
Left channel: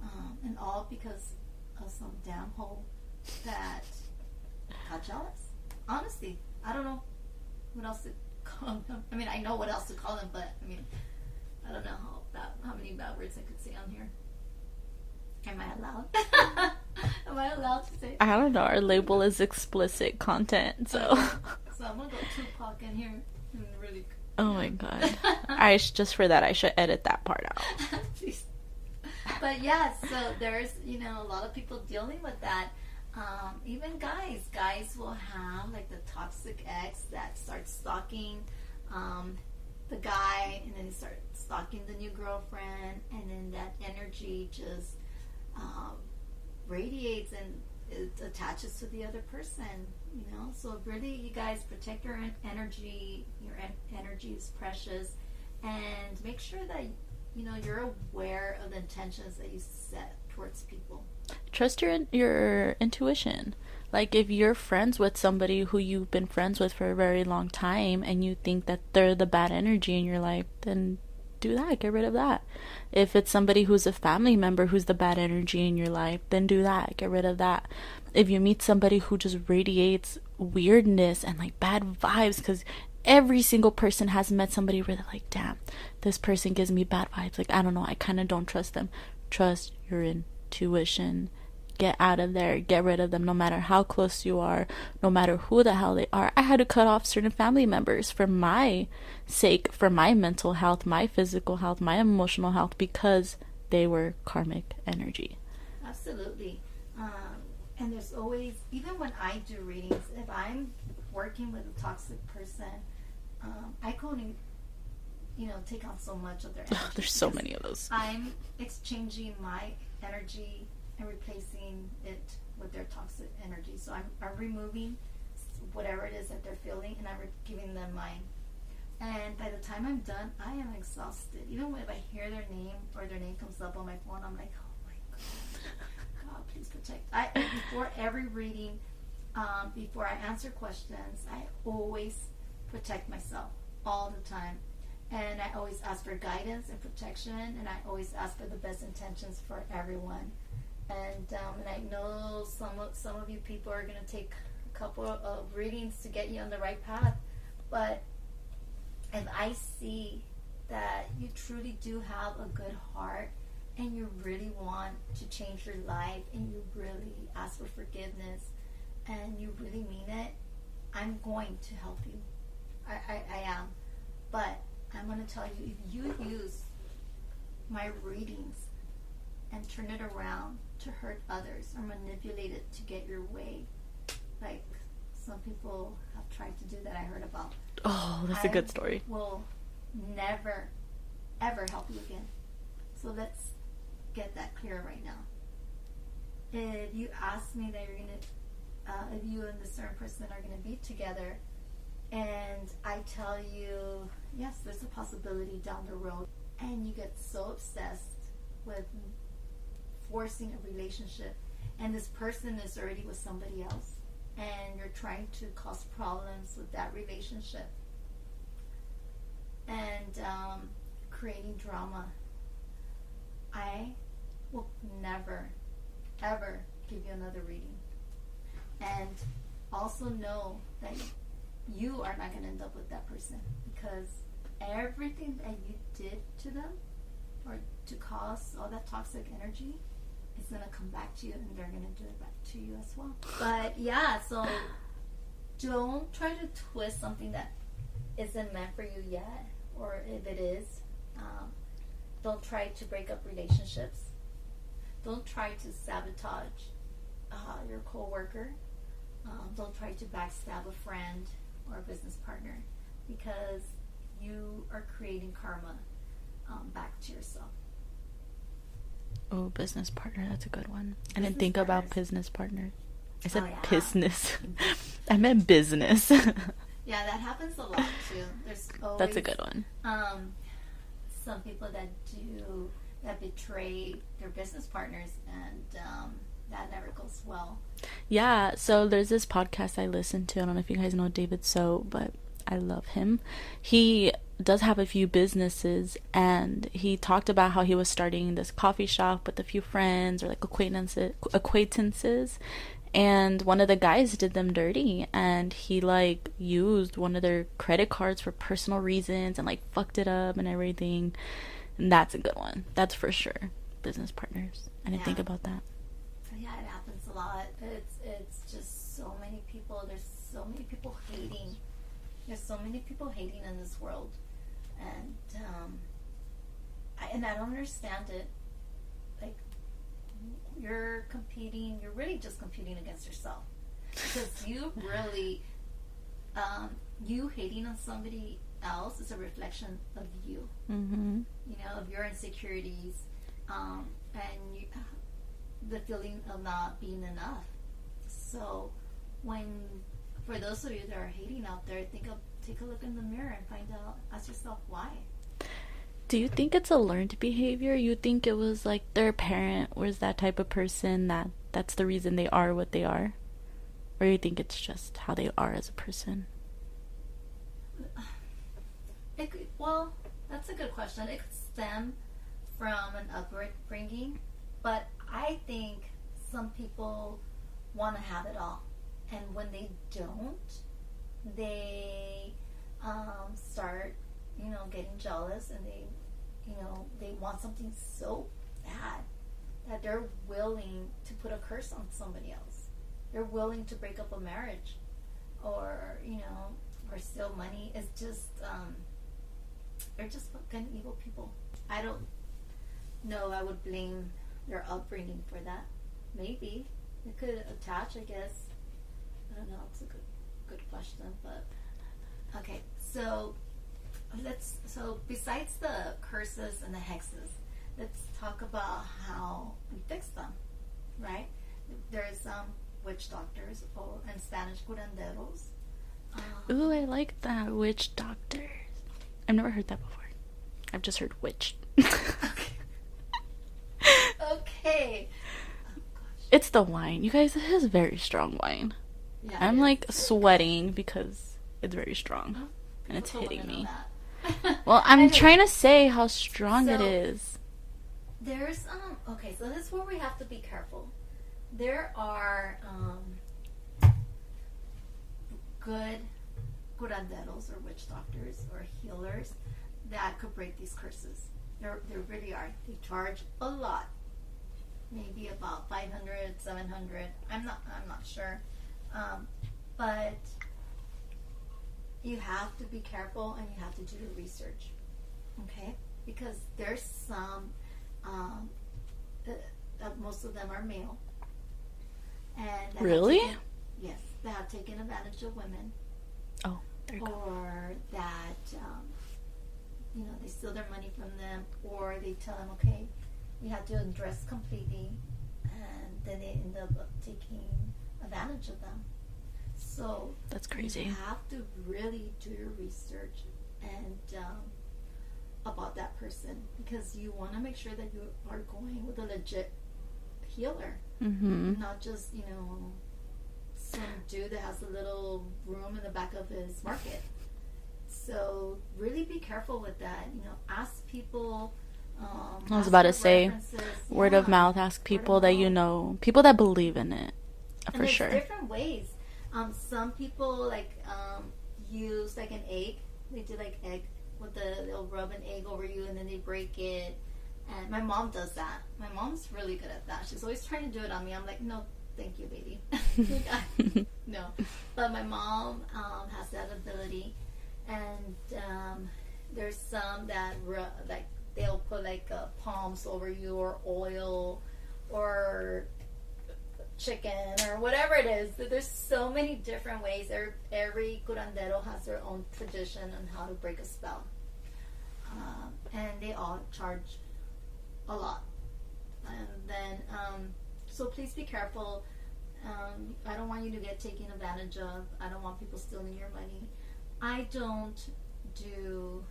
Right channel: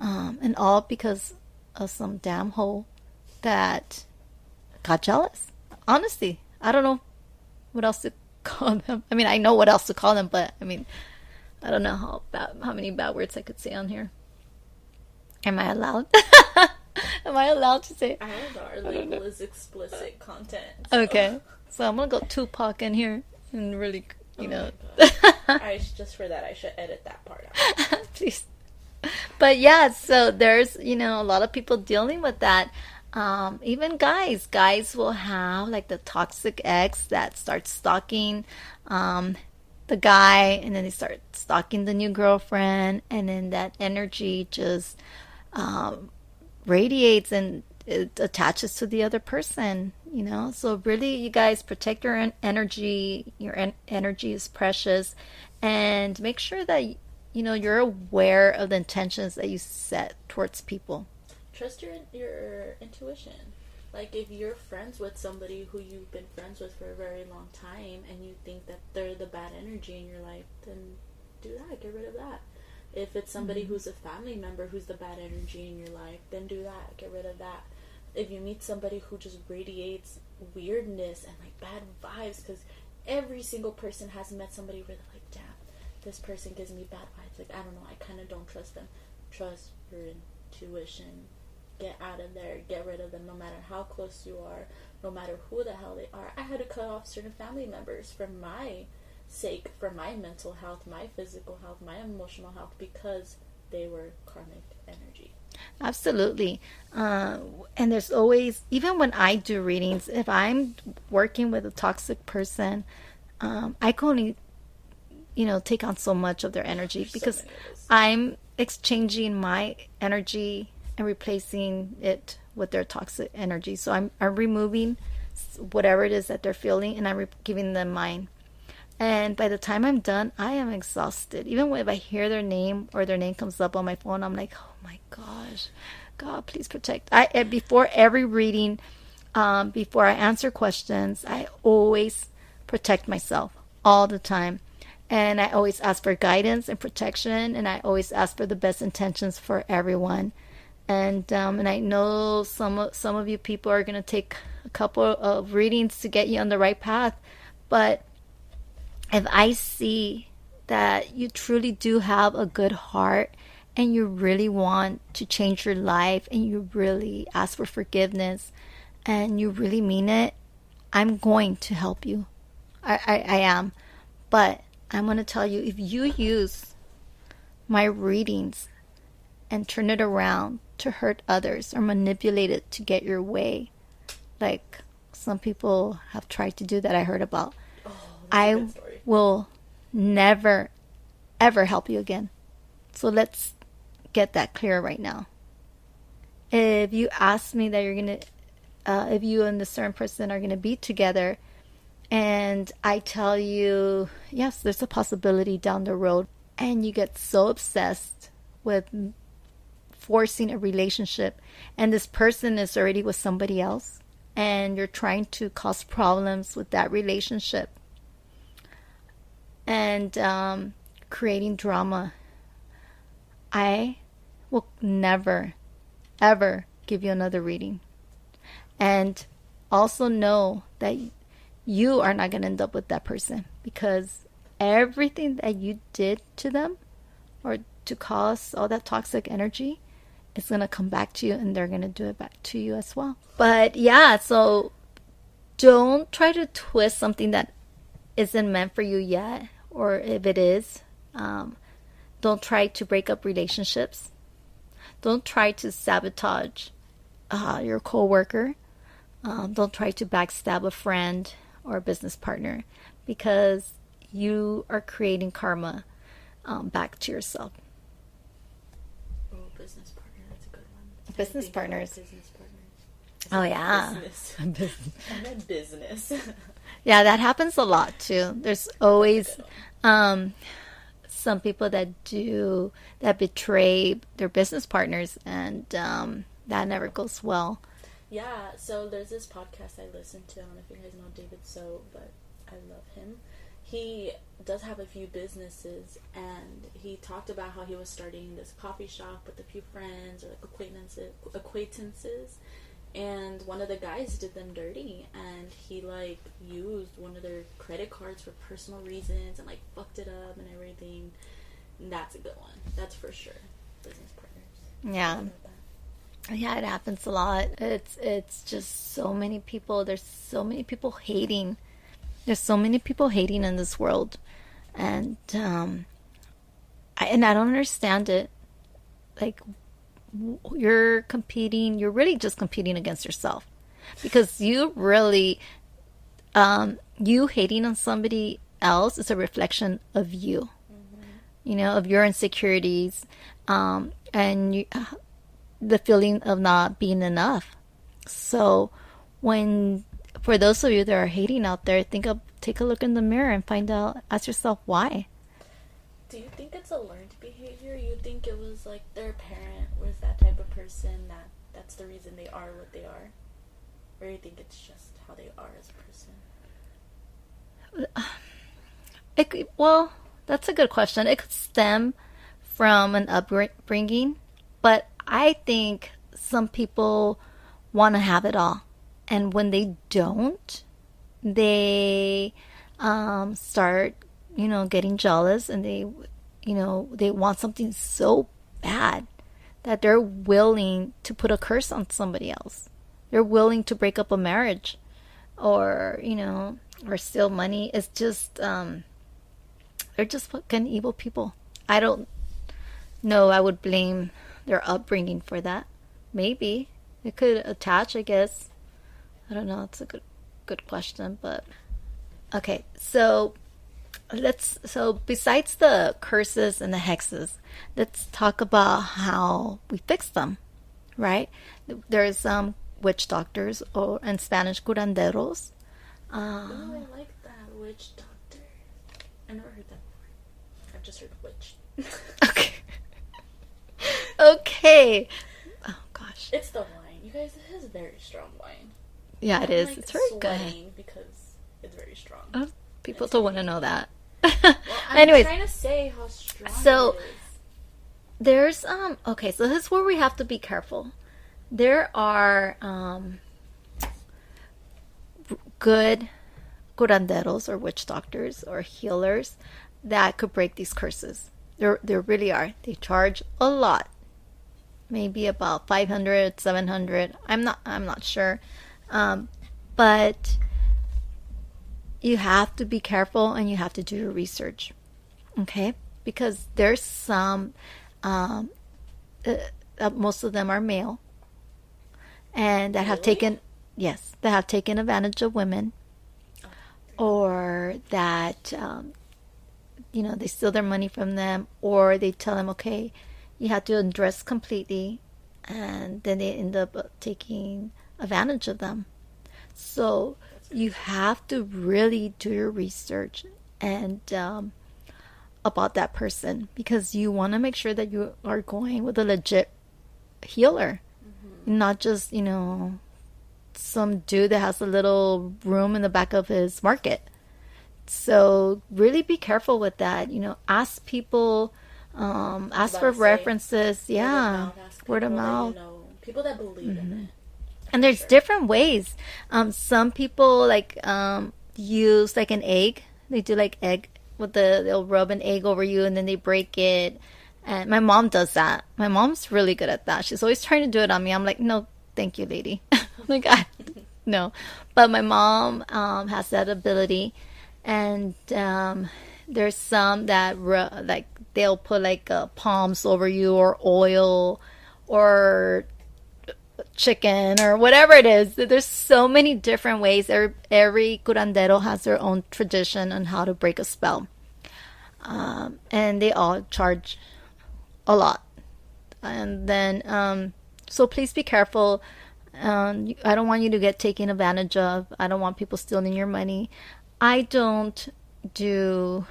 And all because of some damn hoe that got jealous. Honestly, I don't know what else to call them. I mean, I know what else to call them, but I mean, I don't know how many bad words I could say on here. Am I allowed? Am I allowed to say? I don't know. Our label is explicit content. So. Okay, so I'm gonna go Tupac in here and really, you know. My god! Just for that, I should edit that part out. Please. But yeah, so there's, you know, a lot of people dealing with that. Even guys will have like the toxic ex that starts stalking the guy, and then they start stalking the new girlfriend, and then that energy just radiates, and it attaches to the other person, you know. So really, you guys, protect your energy. Your energy is precious, and make sure that, you know, you're aware of the intentions that you set towards people. Trust your intuition. Like, if you're friends with somebody who you've been friends with for a very long time, and you think that they're the bad energy in your life, then do that. Get rid of that. If it's somebody who's a family member who's the bad energy in your life, then do that. Get rid of that. If you meet somebody who just radiates weirdness and like bad vibes, because every single person has met somebody where they're like, damn, this person gives me bad vibes. Like, I don't know, I kind of don't trust them. Trust your intuition. Get out of there. Get rid of them, no matter how close you are, no matter who the hell they are. I had to cut off certain family members for my sake, for my mental health, my physical health, my emotional health, because they were karmic energy. Absolutely. And there's always, even when I do readings, if I'm working with a toxic person, I can only, you know, take on so much of their energy, because so many of those. I'm exchanging my energy and replacing it with their toxic energy. So I'm removing whatever it is that they're feeling, and I'm giving them mine. And by the time I'm done, I am exhausted. Even if I hear their name, or their name comes up on my phone, I'm like, oh my gosh, God, please protect. Before every reading, before I answer questions, I always protect myself all the time. And I always ask for guidance and protection, and I always ask for the best intentions for everyone. And I know some of you people are going to take a couple of readings to get you on the right path. But if I see that you truly do have a good heart, and you really want to change your life and you really ask for forgiveness and you really mean it, I'm going to help you. I am. But I'm going to tell you, if you use my readings and turn it around to hurt others or manipulate it to get your way, like some people have tried to do that, I heard about. Oh, that's a good story. I will never, ever help you again. So let's get that clear right now. If you ask me that you're going to, if you and this certain person are going to be together, and I tell you, yes, there's a possibility down the road, and you get so obsessed with forcing a relationship, and this person is already with somebody else, and you're trying to cause problems with that relationship, and creating drama, I will never, ever give you another reading. And also know that you are not going to end up with that person, because everything that you did to them or to cause all that toxic energy is going to come back to you, and they're going to do it back to you as well. But yeah, so don't try to twist something that isn't meant for you yet, or if it is, don't try to break up relationships. Don't try to sabotage your coworker. Don't try to backstab a friend or a business partner, because you are creating karma back to yourself. Oh, business partner, that's a good one. I Business didn't think partners. about business partners. I Oh, said yeah. business. I meant business. Yeah, that happens a lot too. There's always That's a good one. Some people that betray their business partners, and that never goes well. Yeah, so there's this podcast I listen to. I don't know if you guys know David So, but I love him. He does have a few businesses, and he talked about how he was starting this coffee shop with a few friends or like acquaintances, and one of the guys did them dirty, and he like used one of their credit cards for personal reasons and like fucked it up and everything. And that's a good one. That's for sure. Business partners. I didn't think about that. Yeah, it happens a lot. It's just so many people. There's so many people hating. There's so many people hating in this world, and I don't understand it. Like, you're competing. You're really just competing against yourself, because you really, you hating on somebody else is a reflection of you. Mm-hmm. You know, of your insecurities, and you. The feeling of not being enough. So for those of you that are hating out there, take a look in the mirror and ask yourself why. Do you think it's a learned behavior? You think it was like their parent was that type of person that's the reason they are what they are? Or you think it's just how they are as a person? Well, that's a good question. It could stem from an upbringing, but I think some people want to have it all, and when they don't, they start, getting jealous, and they want something so bad that they're willing to put a curse on somebody else. They're willing to break up a marriage, or or steal money. It's just they're just fucking evil people. I don't know. I would blame their upbringing for that. Maybe it could attach, I guess. I don't know. It's a good question, but okay. So besides the curses and the hexes, let's talk about how we fix them, right? There's witch doctors, or in Spanish, curanderos. Ooh, I like that. Witch doctors. I've never heard that before. I've just heard witch. Okay. Okay. Oh gosh. It's the wine. You guys, it is very strong wine. Yeah, I'm it is. like It's sweating good. because it's very strong. Oh, people It's don't want to hitting know me. that. Well, I'm Anyways, trying to say how strong so it is. there's okay, so this is where we have to be careful. There are good curanderos or witch doctors or healers that could break these curses. They really are. They charge a lot. Maybe about 500, 700. I'm not sure. But you have to be careful and you have to do your research. Okay? Because there's some most of them are male and that have Really? taken, yes, that have taken advantage of women, Oh, or that they steal their money from them, or they tell them, okay, you have to undress completely, and then they end up taking advantage of them. So that's you crazy. have to really do your research and about that person, because you want to make sure that you are going with a legit healer, not just some dude that has a little room in the back of his market. So really be careful with that. Ask people, I was ask about for to say, references. Yeah, word of mouth. Ask word of people that you mouth. know, people that believe in it. And For there's sure. different ways. Some people like use like an egg. They do like egg with they'll rub an egg over you and then they break it. And my mom does that. My mom's really good at that. She's always trying to do it on me. I'm like, no, thank you, lady. Like, no. But my mom has that ability, and there's some that like they'll put like palms over you, or oil, or chicken, or whatever it is. There's so many different ways. Every curandero has their own tradition on how to break a spell, and they all charge a lot. And then so please be careful. I don't want you to get taken advantage of. I don't want people stealing your money. I don't do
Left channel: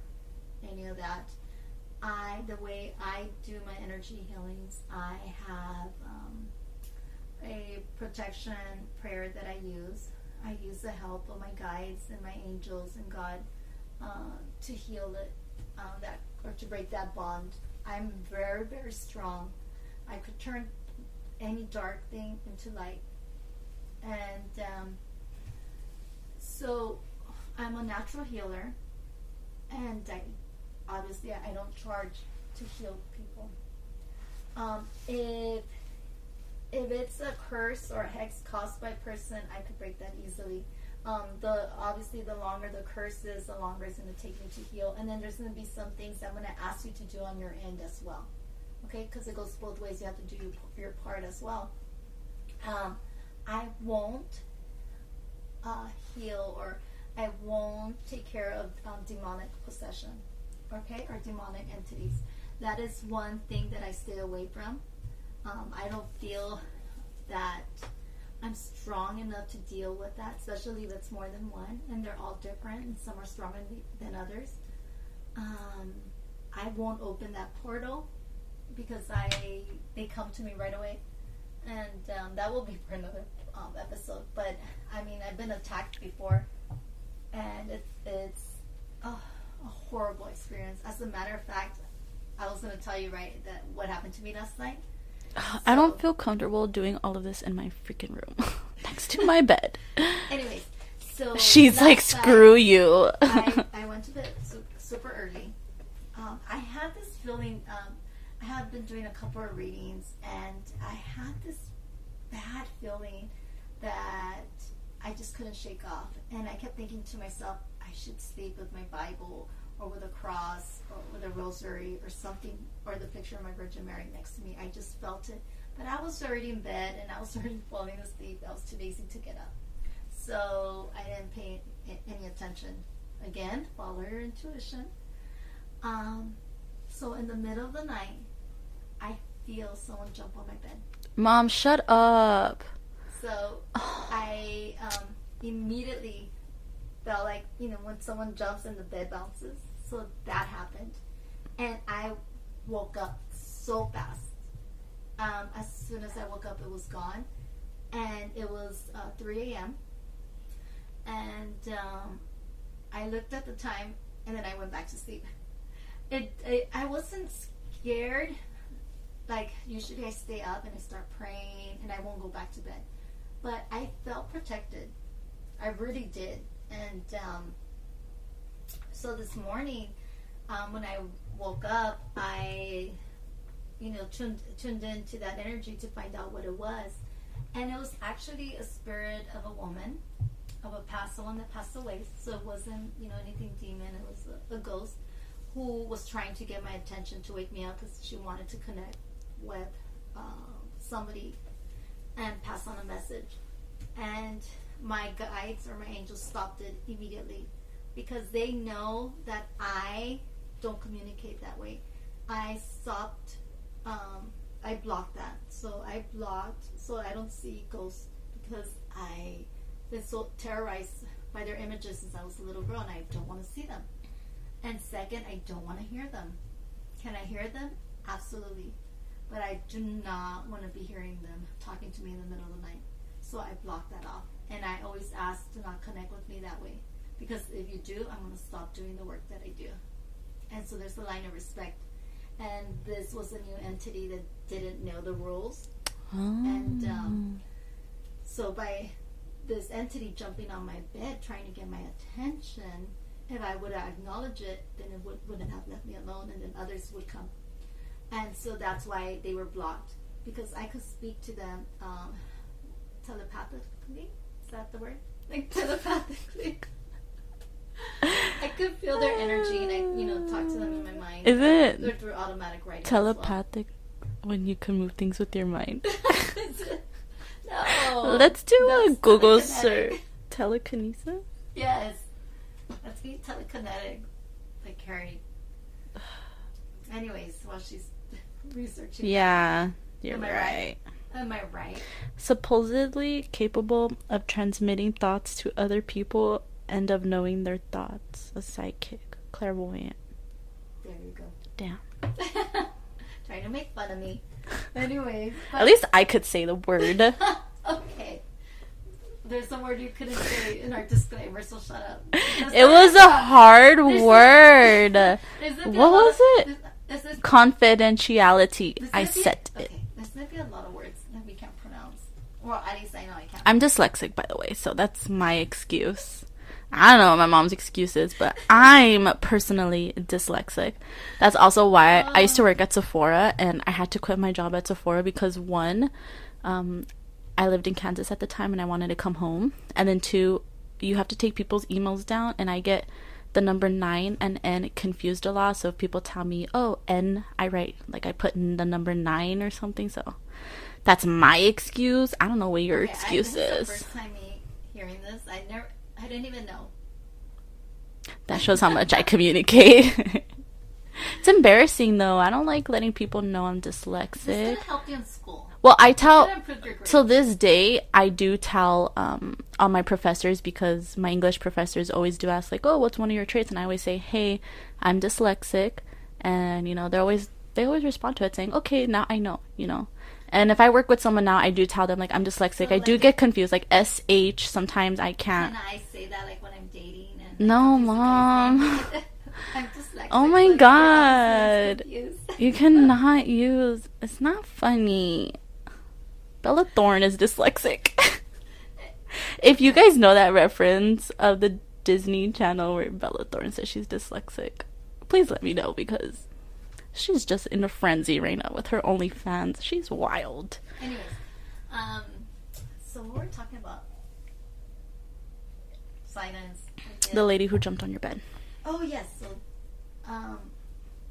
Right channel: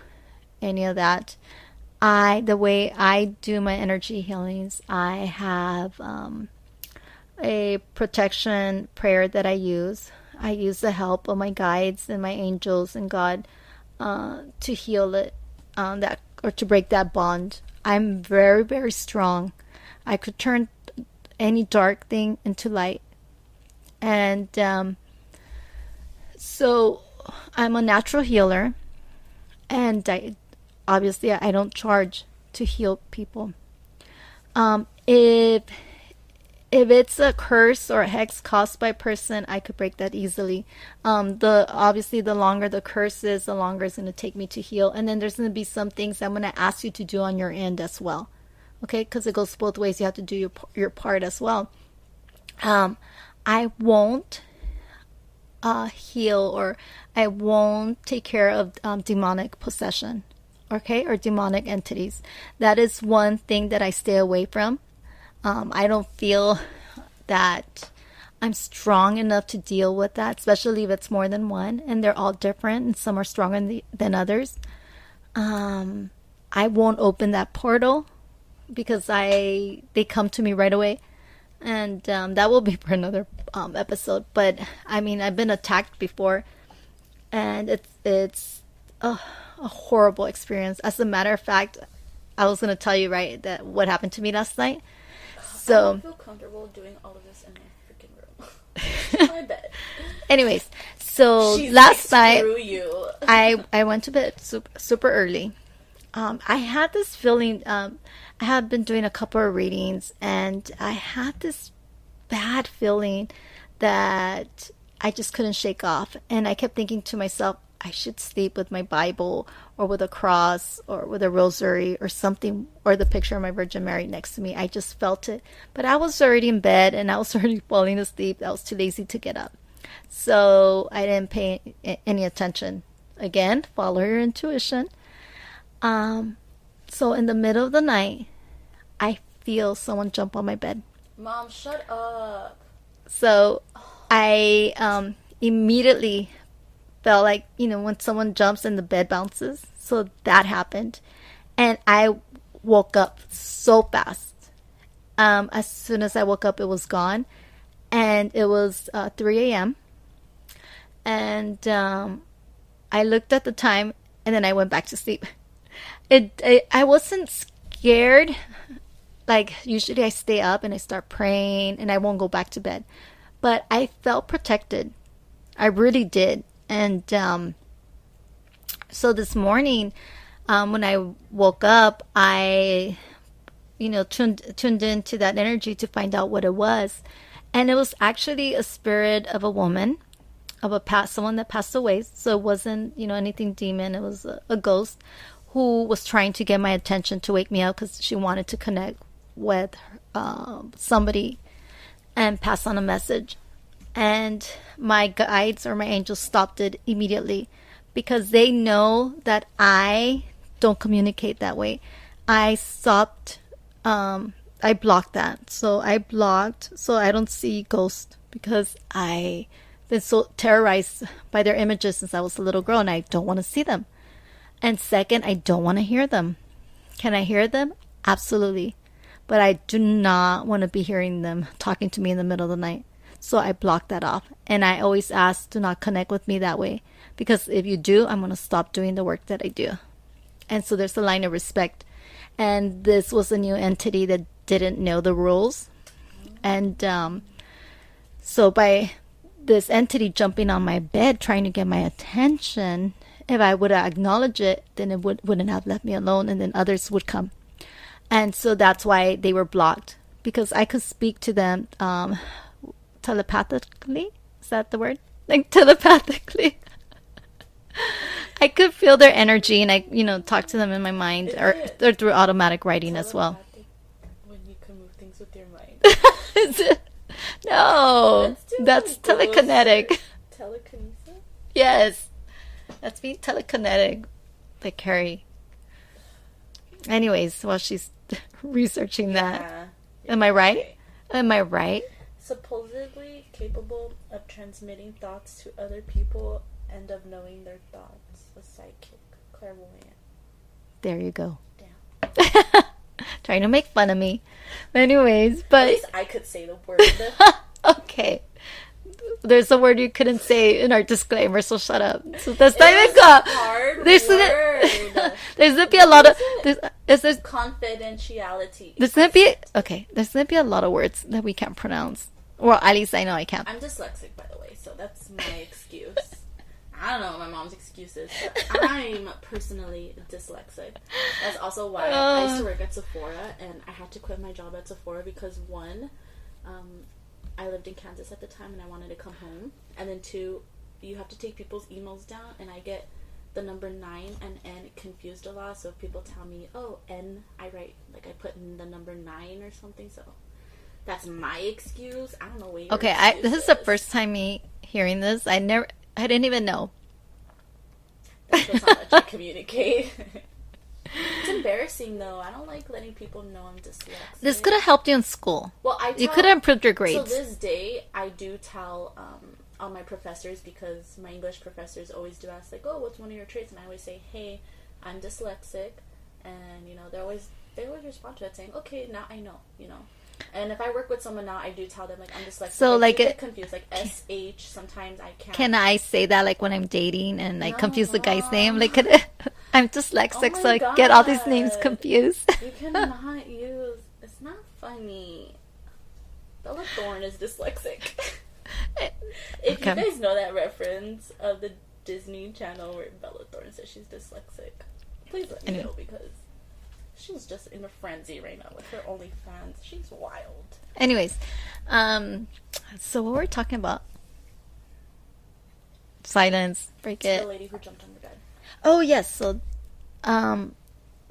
any of that. The way I do my energy healings, I have a protection prayer that I use. I use the help of my guides and my angels and God to heal it, that, or to break that bond. I'm very, very strong. I could turn any dark thing into light. And so I'm a natural healer, and obviously I don't charge to heal people. If it's a curse or a hex caused by a person, I could break that easily. The longer the curse is, the longer it's going to take me to heal. And then there's going to be some things I'm going to ask you to do on your end as well. Okay, because it goes both ways. You have to do your part as well. I won't heal, or I won't take care of demonic possession, okay, or demonic entities. That is one thing that I stay away from. I don't feel that I'm strong enough to deal with that, especially if it's more than one, and they're all different, and some are stronger than others. I won't open that portal because they come to me right away, and that will be for another episode. But I mean, I've been attacked before, and it's a horrible experience. As a matter of fact, I was gonna tell you, right, that what happened to me last night. I don't feel comfortable doing all of this in my freaking room. To my bed. Anyways, so She's last like, screw you. I went to bed super early. I had this feeling. I had been doing a couple of readings, and I had this bad feeling that I just couldn't shake off. And I kept thinking to myself, I should sleep with my Bible, or with a cross, or with a rosary, or something, or the picture of my Virgin Mary next to me. I just felt it. But I was already in bed, and I was already falling asleep. I was too lazy to get up. So I didn't pay any attention. Again, follow your intuition. So in the middle of the night, I feel someone jump on my bed. Mom, shut up. So I immediately felt like, when someone jumps and the bed bounces. So that happened. And I woke up so fast. As soon as I woke up, it was gone. And it was 3 a.m. And I looked at the time, and then I went back to sleep. I wasn't scared. Like, usually I stay up and I start praying and I won't go back to bed. But I felt protected. I really did. And so this morning, when I woke up, I, tuned into that energy to find out what it was. And it was actually a spirit of a woman, of someone that passed away. So it wasn't, anything demon. It was a ghost who was trying to get my attention to wake me up because she wanted to connect with somebody and pass on a message. And my guides or my angels stopped it immediately because they know that I don't communicate that way. I stopped, I blocked that. So I blocked so I don't see ghosts because I've been so terrorized by their images since I was a little girl, and I don't want to see them. And second, I don't want to hear them. Can I hear them? Absolutely. But I do not want to be hearing them talking to me in the middle of the night. So I block that off. And I always ask, do not connect with me that way. Because if you do, I'm going to stop doing the work that I do. And so there's a line of respect. And this was a new entity that didn't know the rules. Oh. And so by this entity jumping on my bed trying to get my attention, if I would have acknowledged it, then it wouldn't have left me alone, and then others would come. And so that's why they were blocked, because I could speak to them telepathically. Is that the word? Like telepathically. I could feel their energy, and I, talk to them in my mind, or through automatic writing as well. Telepathic when you can move things with your mind. Is it? No. Let's do that's telekinetic. Telekinesis? Yes. Let's be telekinetic. Like Carrie. Anyways, while she's researching that. Am I right? Am I right? Supposedly capable of transmitting thoughts to other people and of knowing their thoughts. A psychic. Clairvoyant. There you go. Damn. Trying to make fun of me. Anyways, but at least I could say the word. Okay. There's a word you couldn't say in our disclaimer, so shut up. It was a hard word. There's gonna be a lot of there's confidentiality. There's gonna be there's gonna be a lot of words that we can't pronounce. Well, at least I know I can't. I'm dyslexic, by the way, so that's my excuse. I don't know what my mom's excuse is, but I'm personally dyslexic. That's also why I used to work at Sephora, and I had to quit my job at Sephora because one, I lived in Kansas at the time and I wanted to come home, and then two, you have to take people's emails down, and I get the number 9 and N confused a lot. So if people tell me, oh, N, I write, like I put in the number 9 or something, so that's my excuse. I don't know what your excuse is. This is the first time me hearing this. I didn't even know. That shows how much I communicate. It's embarrassing, though. I don't like letting people know I'm dyslexic. This could have helped you in school. Well, you could have improved your grades. So this day, I do tell all my professors, because my English professors always do ask, like, oh, what's one of your traits? And I always say, hey, I'm dyslexic. And, they always respond to it saying, okay, now I know, And if I work with someone now, I do tell them, like, I'm dyslexic. So, I do get confused. Like, SH, sometimes I can't. Can I say that, like, when I'm dating and I confuse the guy's name? Like, I'm dyslexic, so I get all these names confused. You cannot use... It's not funny. Bella Thorne is dyslexic. If you guys know that reference of the Disney Channel where Bella Thorne says she's dyslexic, please let me know, because... she's just in a frenzy right now with her OnlyFans. She's wild. Anyways, so what were we talking about? Silence. Break it. The lady who jumped on your bed. Oh yes.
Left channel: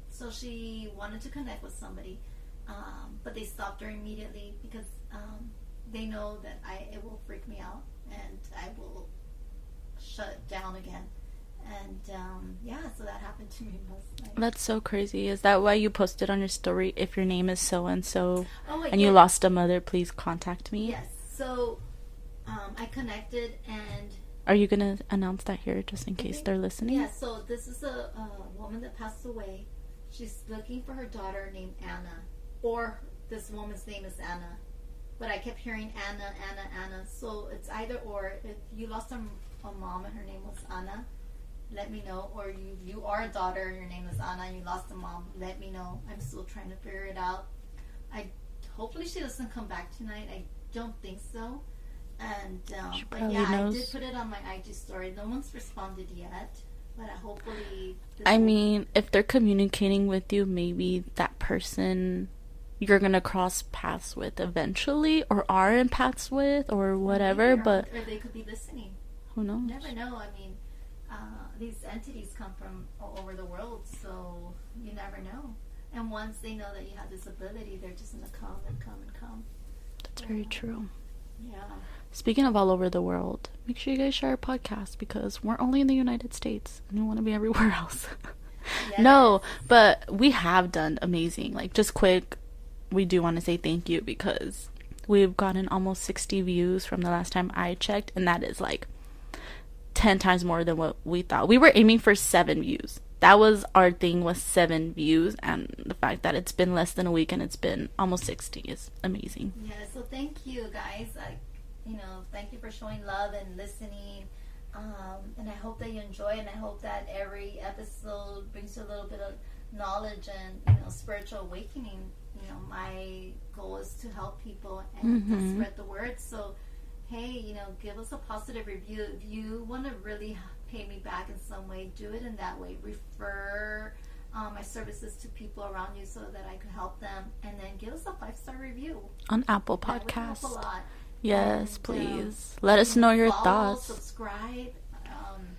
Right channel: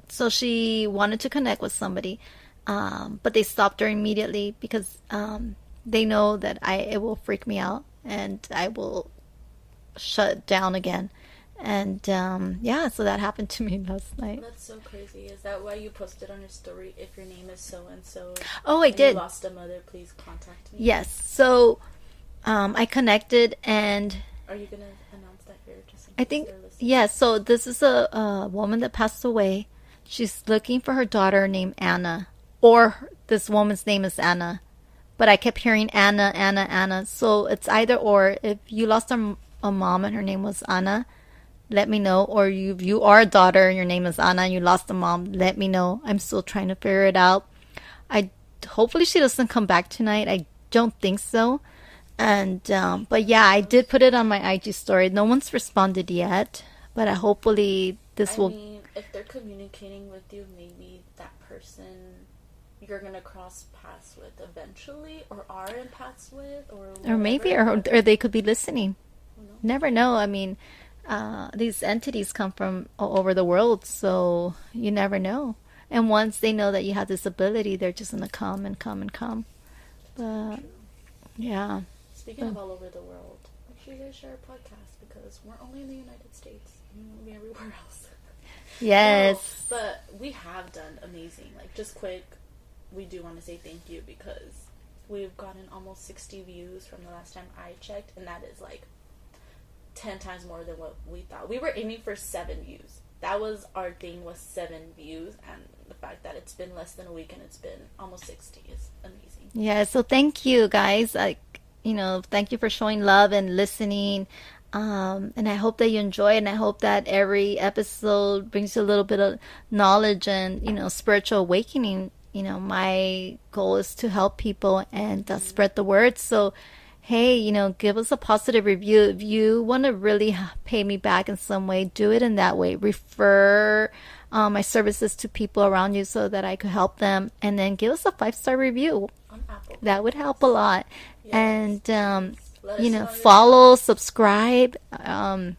So she wanted to connect with somebody, but they stopped her immediately because they know that it will freak me out and I will shut down again. And so that happened to me last night. That's so crazy. Is that why you posted on your story, if your name is so and so? Oh, I did. And you lost a mother, please contact me. Yes. So I connected, and are you gonna announce that here, just in case they're listening? Yeah. So this is a woman that passed away. She's looking for her daughter named Anna, or this woman's name is Anna, but I kept hearing Anna, Anna, Anna. So it's either or. If you lost a mom and her name was Anna, let me know. Or you are a daughter and your name is Anna and you lost a mom, let me know. I'm still trying to figure it out. Hopefully she doesn't come back tonight. I don't think so. And but yeah, I did put it on my IG story. No one's responded yet, but hopefully I mean, if they're communicating with you, maybe that person you're gonna cross paths with eventually, or are in paths with, or whatever. Or they could be listening. Who knows? Never know. I mean, these entities come from all over the world, so you never know. And once they know that you have this ability, they're just gonna come and come and come. That's very true. Yeah. Speaking of all over the world, make sure you guys share our podcast, because we're only in the United States and we want to be everywhere else. Yes. No, but we have done amazing. Like, just quick, we do want to say thank you, because we've gotten almost 60 views from the last time I checked, and that is like 10 times more than what we thought. We were aiming for 7 views. That was our thing, was 7 views, and the fact that it's been less than a week and it's been almost 60 is amazing. Yeah, so thank you guys. Thank you for showing love and listening. And I hope that you enjoy it, and I hope that every episode brings you a little bit of knowledge and, spiritual awakening. My goal is to help people and spread the word. So, hey, give us a positive review. If you want to really pay me back in some way, do it in that way. Refer my services to people around you so that I could help them, and then give us a 5-star review on Apple Podcasts. That would help a lot. Yes, and let us know your follow, thoughts. Subscribe, and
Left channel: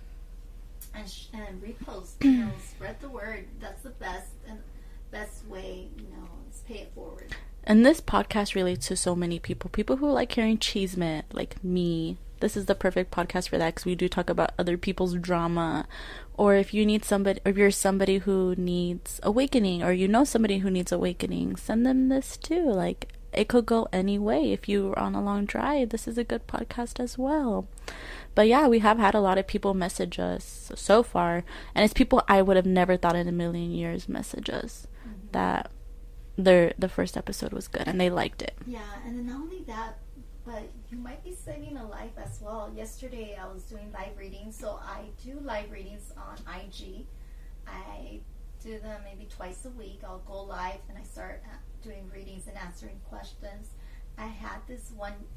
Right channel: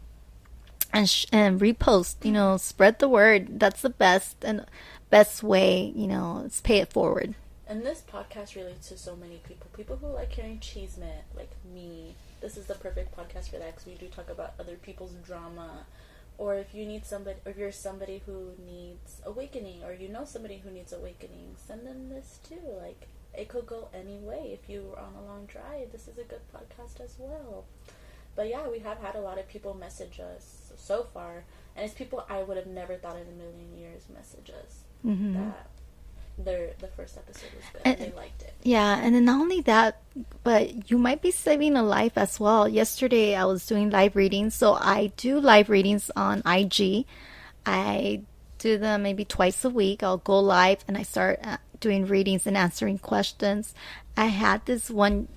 repost. Spread the word. That's the best way. Let's pay it forward. And this podcast relates to so many people who like hearing cheesemint, like me. This is the perfect podcast for that, because we do talk about other people's drama. Or if you need somebody, or if you're somebody who needs awakening, or somebody who needs awakening, send them this too. Like, it could go any way. If you're on a long drive, this is a good podcast as well. But yeah, we have had a lot of people message us so far, and it's people I would have never thought in a million years message us that the first episode was good and they liked it. Yeah, and then not only that, but you might be saving a life as well. Yesterday I was doing live readings, so I do live readings on IG. I do them maybe twice a week. I'll go live and I start doing readings and answering questions. I had this one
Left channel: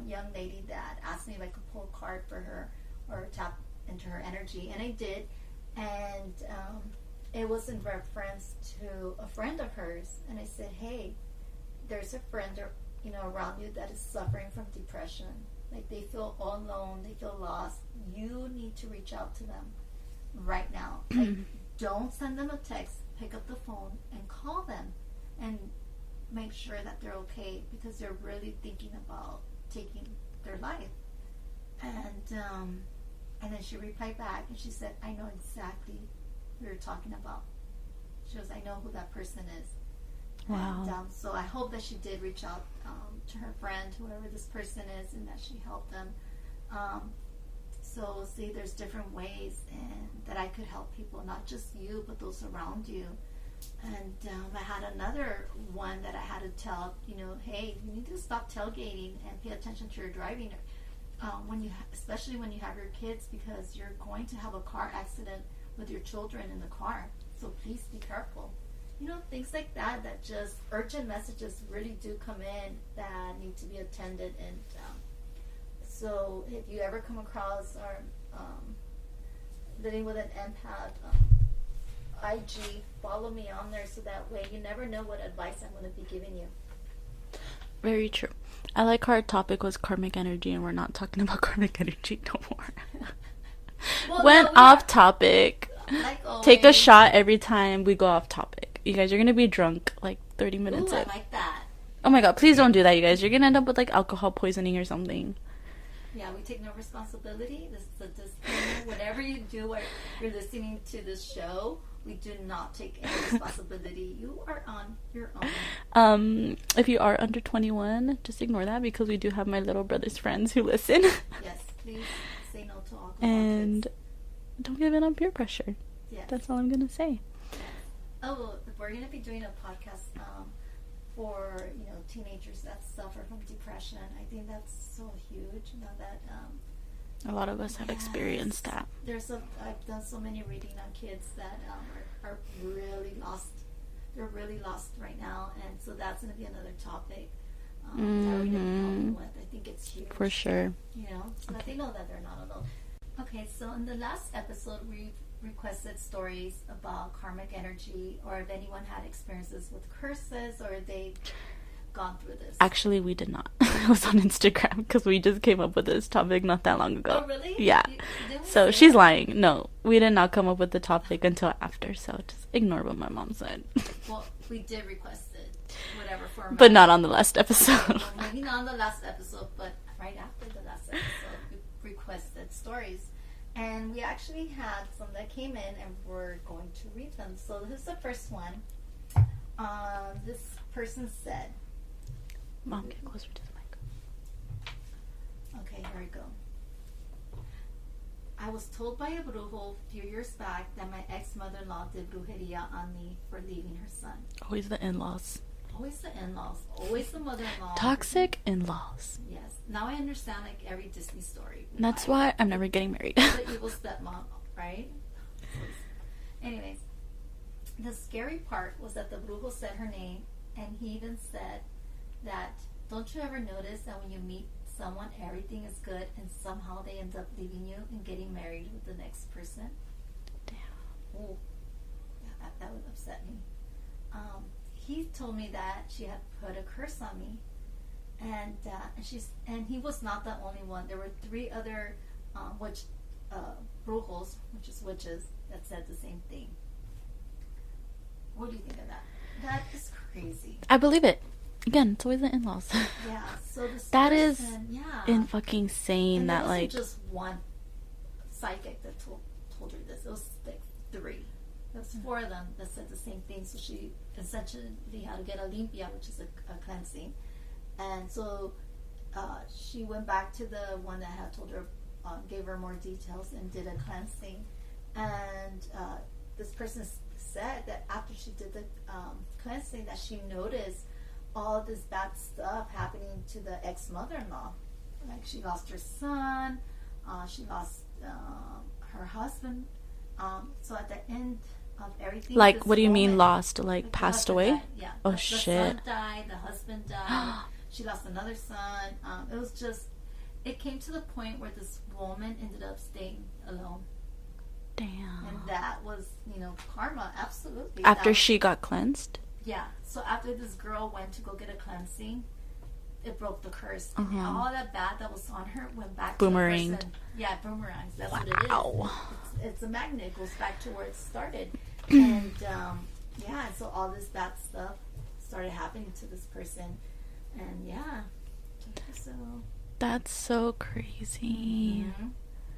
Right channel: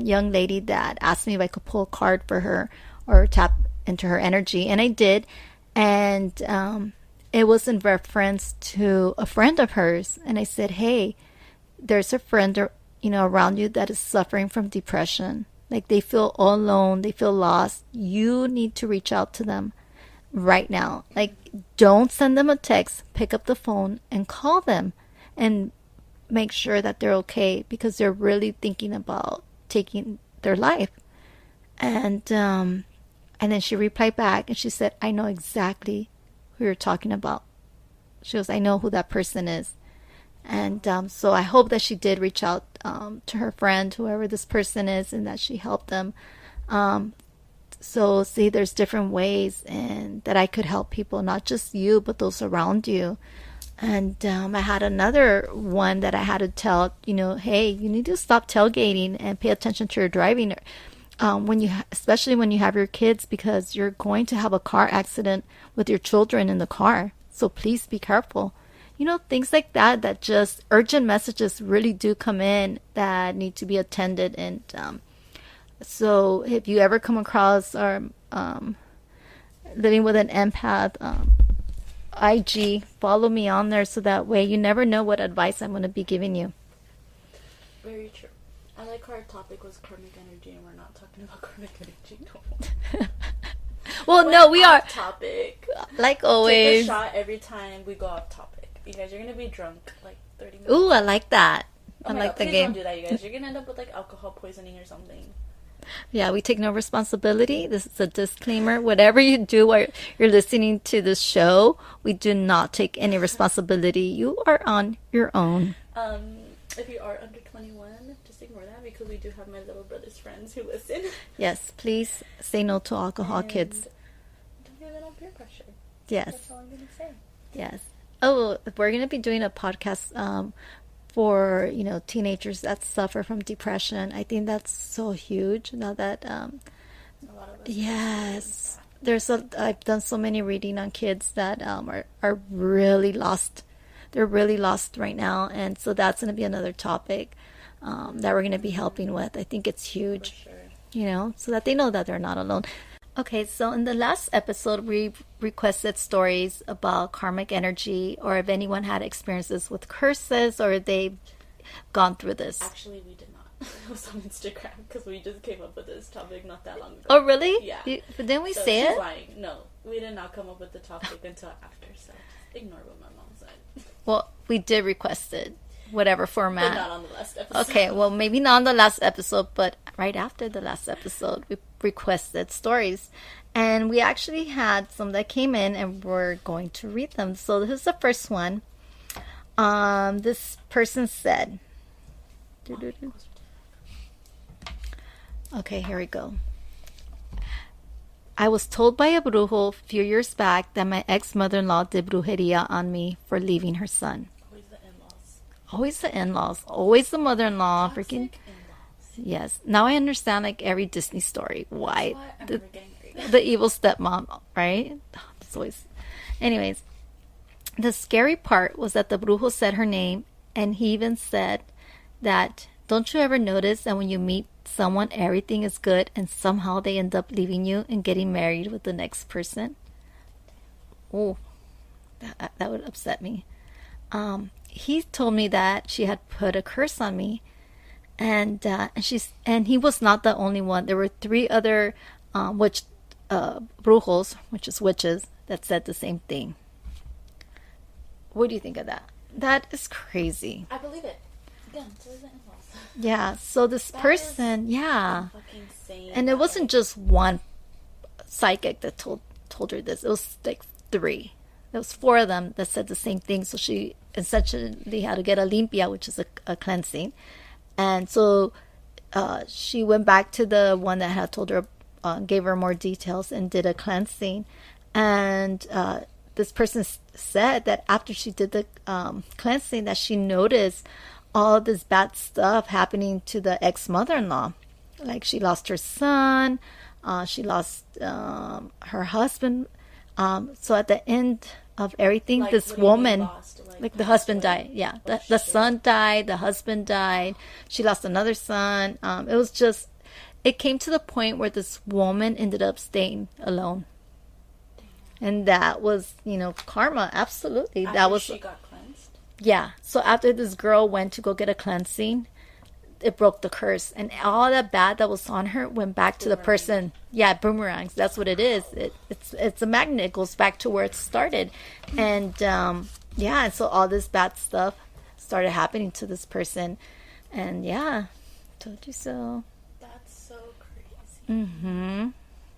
young lady that asked me if I could pull a card for her or tap into her energy, and I did. And it was in reference to a friend of hers, and I said, hey, there's a friend around you that is suffering from depression. Like, they feel all alone, they feel lost. You need to reach out to them right now. Like, don't send them a text. Pick up the phone and call them and make sure that they're okay, because they're really thinking about taking their life. And then she replied back and she said, I know exactly who you're talking about. She goes, I know who that person is. And so I hope that she did reach out to her friend, whoever this person is, and that she helped them. So see, there's different ways and that I could help people, not just you, but those around you. And I had another one that I had to tell, hey, you need to stop tailgating and pay attention to your driving. Especially when you have your kids, because you're going to have a car accident with your children in the car. So please be careful. Things like that just urgent messages really do come in that need to be attended. And so if you ever come across or living with an empath, IG, follow me on there, so that way you never know what advice I'm going to be giving you. Very true. I like our topic was karmic energy, and we're not talking about karmic energy no more. Well, no, we off are topic. Like always. Take a shot every time we go off topic. You guys, you're gonna be drunk like 30 minutes. Ooh, I like that. Oh my god, please don't do that, you guys. You're gonna end up with like alcohol poisoning or something. Yeah, we take no responsibility. This is a disclaimer. Whatever you do while you're listening to this show, we do not take any responsibility. You are on your own. If you are under 21, just ignore that, because we do have my little brother's friends who listen. Yes, please say no to alcohol, and kids. Don't give in on peer pressure. Yes. That's all I'm going to say. Yes. Oh, we're going to be doing a podcast for teenagers that suffer from depression. I think that's so huge now that a lot of us have experienced that. I've done so many reading on kids that are really lost. They're really lost right now, and so that's going to be another topic that we're going to be helping with. I think it's huge for sure. So that they know that they're not alone. Okay, so in the last episode, we requested stories about karmic energy, or if anyone had experiences with curses, or they've gone through this. Actually, we did not. It was on Instagram because we just came up with this topic not that long ago. Oh, really? Yeah. Didn't we So say she's it? lying. No, we did not come up with the topic until after. So just ignore what my mom said. Well, we did request it, whatever format. But not on the last episode. Okay, well, maybe not on the last episode, but right after the last episode, we requested stories. And we actually had some that came in, and we're going to read them. So this is the first one. This person said... Okay, here we go. I was told by a brujo a few years back that my ex-mother-in-law did brujeria on me for leaving her son. Always the in-laws. Always the in-laws. Always the mother-in-law. Toxic in-laws. Yes. Now I understand, like, every Disney story. That's why I'm never getting married. The evil stepmom, right? It's always... Anyways, the scary part was that the brujo said her name, and he even said that, don't you ever notice that when you meet someone, everything is good, and somehow they end up leaving you and getting married with the next person? Oh, that would upset me. He told me that she had put a curse on me, and he was not the only one. There were 3 other brujos, which is witches, that said the same thing. What do you think of that? That is crazy. I believe it. Again, it's always the in-laws. Yeah, so this person, yeah, fucking insane. and it wasn't just one psychic that told her this. It was like 3. There was 4 of them that said the same thing. So she essentially had to get a limpia, which is a cleansing, and so she went back to the one that had told her, gave her more details, and did a cleansing, and this person said that after she did the cleansing, that she noticed all this bad stuff happening to the ex-mother-in-law. Like, she lost her son, she lost her husband. So at the end of everything, like, this what do you woman, mean lost? Like the passed husband away? died. Yeah, Oh, the son died, the husband died. She lost another son. It was just, it came to the point where this woman ended up staying alone. Damn. And that was, karma. Absolutely. After she got cleansed? Yeah. So after this girl went to go get a cleansing, it broke the curse. And all that bad that was on her went back to the person. Yeah, boomerangs. That's what it is. It's a magnet. It goes back to where it started. And yeah, so all this bad stuff started happening to this person. And yeah, told you so. That's so crazy. Mm-hmm.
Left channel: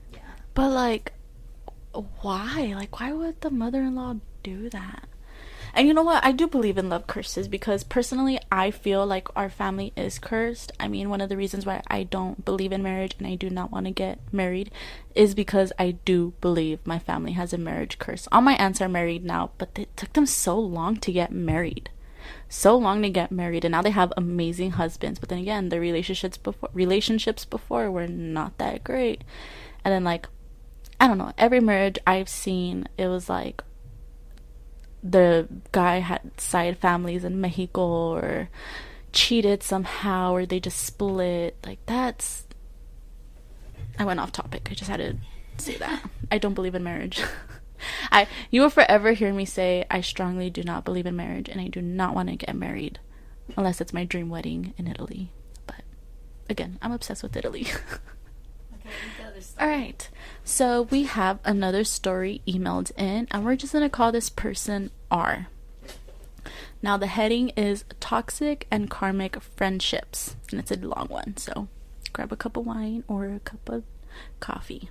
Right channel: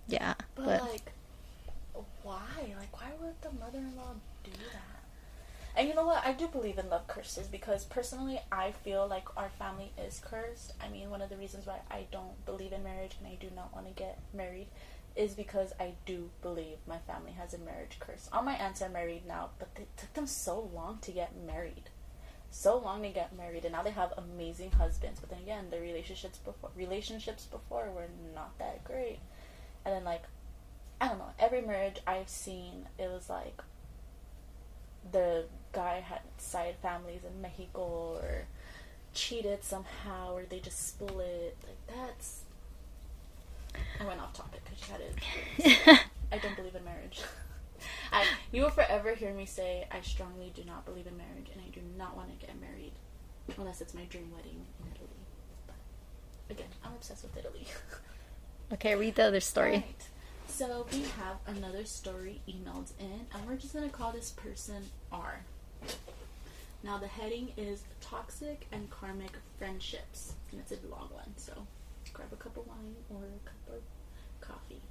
Yeah. But like, why? Like, why would the mother-in-law do that? And you know what? I do believe in love curses, because personally, I feel like our family is cursed. I mean, one of the reasons why I don't believe in marriage and I do not want to get married is because I do believe my family has a marriage curse. All my aunts are married now, but it took them so long to get married. So long to get married, and now they have amazing husbands. But then again, the relationships before were not that great. And then, like, I don't know, every marriage I've seen, it was like the guy had side families in Mexico, or cheated somehow, or they just split. Like, that's... I went off topic. I just had to say that. I don't believe in marriage. You will forever hear me say I strongly do not believe in marriage, and I do not want to get married unless it's my dream wedding in Italy. But again, I'm obsessed with Italy. Okay, read the other story. All right. So we have another story emailed in, and we're just going to call this person R. Now the heading is Toxic and Karmic Friendships, and it's a long one, so grab a cup of wine or a cup of coffee.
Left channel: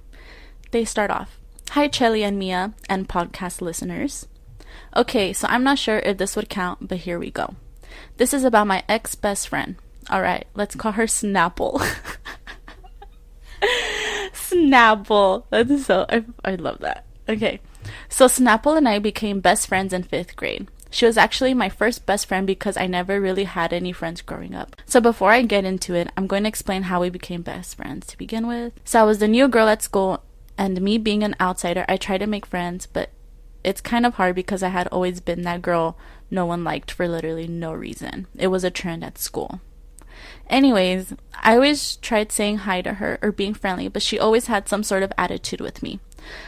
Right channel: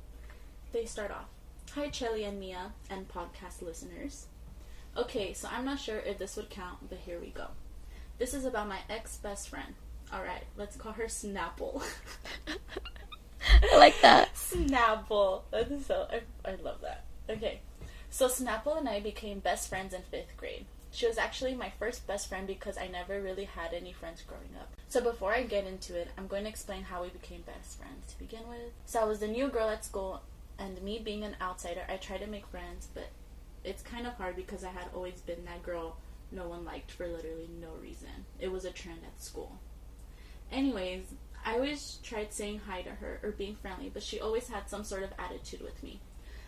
They start off, "Hi Chelly and Mia and podcast listeners. Okay, so I'm not sure if this would count, but here we go. This is about my ex-best friend. Alright, let's call her Snapple." I like that. Snapple. That's so... I love that. Okay. So Snapple and I became best friends in 5th grade. She was actually my first best friend because I never really had any friends growing up. So before I get into it, I'm going to explain how we became best friends to begin with. So I was the new girl at school, and me being an outsider, I tried to make friends, but it's kind of hard because I had always been that girl no one liked for literally no reason. It was a trend at school. Anyways, I always tried saying hi to her or being friendly, but she always had some sort of attitude with me.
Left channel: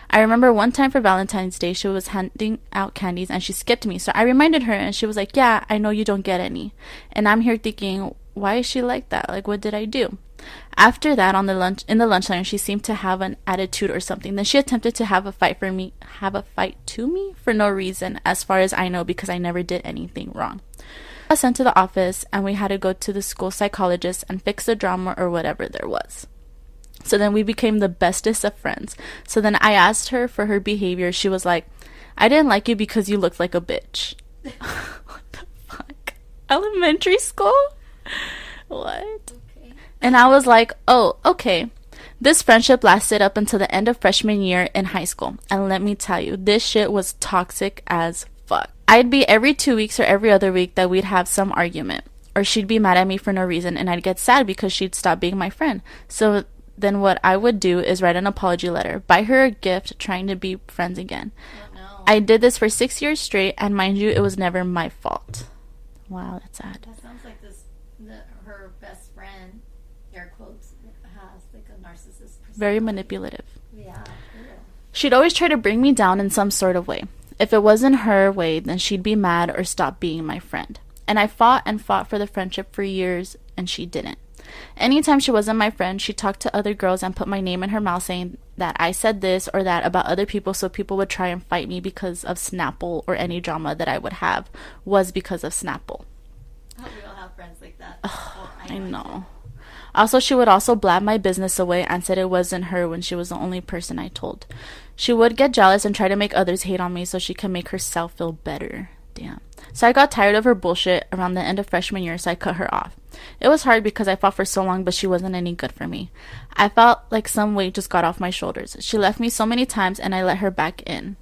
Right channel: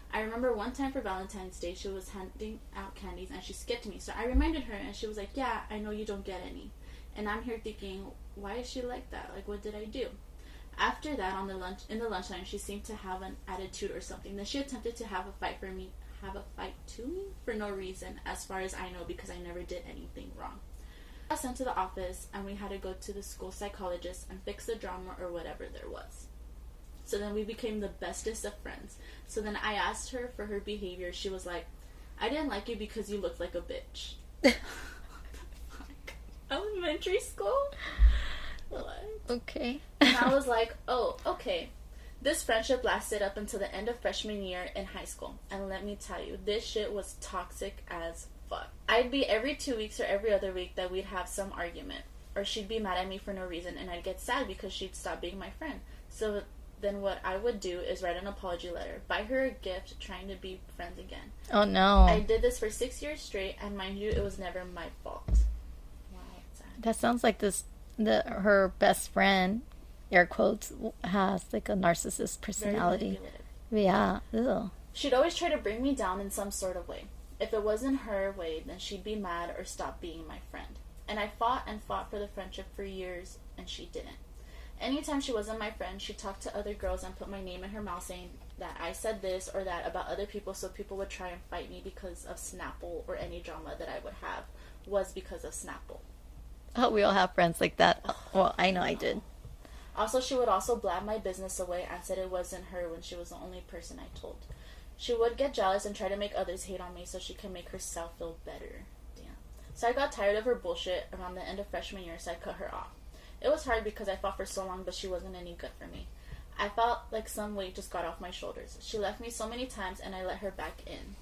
I remember one time for Valentine's Day, she was handing out candies and she skipped me. So I reminded her and she was like, yeah, I know you don't get any. And I'm here thinking, why is she like that? Like, what did I do? After that, in the lunch line, she seemed to have an attitude or something. Then she attempted to have a fight to me for no reason, as far as I know, because I never did anything wrong. I was sent to the office and we had to go to the school psychologist and fix the drama or whatever there was. So then we became the bestest of friends. So then I asked her for her behavior. She was like, I didn't like you because you looked like a bitch. What the fuck? Elementary school? What? Okay. And I was like, oh, okay. This friendship lasted up until the end of freshman year in high school. And let me tell you, this shit was toxic as fuck. I'd be every 2 weeks or every other week that we'd have some argument. Or she'd be mad at me for no reason and I'd get sad because she'd stop being my friend. So then what I would do is write an apology letter, buy her a gift, trying to be friends again. Oh, no. I did this for 6 years straight, and mind you, it was never my fault. Wow, that's sad. That sounds like her best friend, air quotes, has like a narcissist personality. Very manipulative. Yeah. Ew. She'd always try to bring me down in some sort of way. If it wasn't her way, then she'd be mad or stop being my friend. And I fought and fought for the friendship for years, and she didn't. Anytime she wasn't my friend, she talked to other girls and put my name in her mouth saying that I said this or that about other people, so people would try and fight me because of Snapple, or any drama that I would have was because of Snapple. Oh, we all have friends like that. Well, I know I did. Also, she would also blab my business away and said it wasn't her when she was the only person I told. She would get jealous and try to make others hate on me so she could make herself feel better. Damn. So I got tired of her bullshit around the end of freshman year, so I cut her off. It was hard because I fought for so long, but she wasn't any good for me. I felt like some weight just got off my shoulders. She left me so many times, and I let her back in.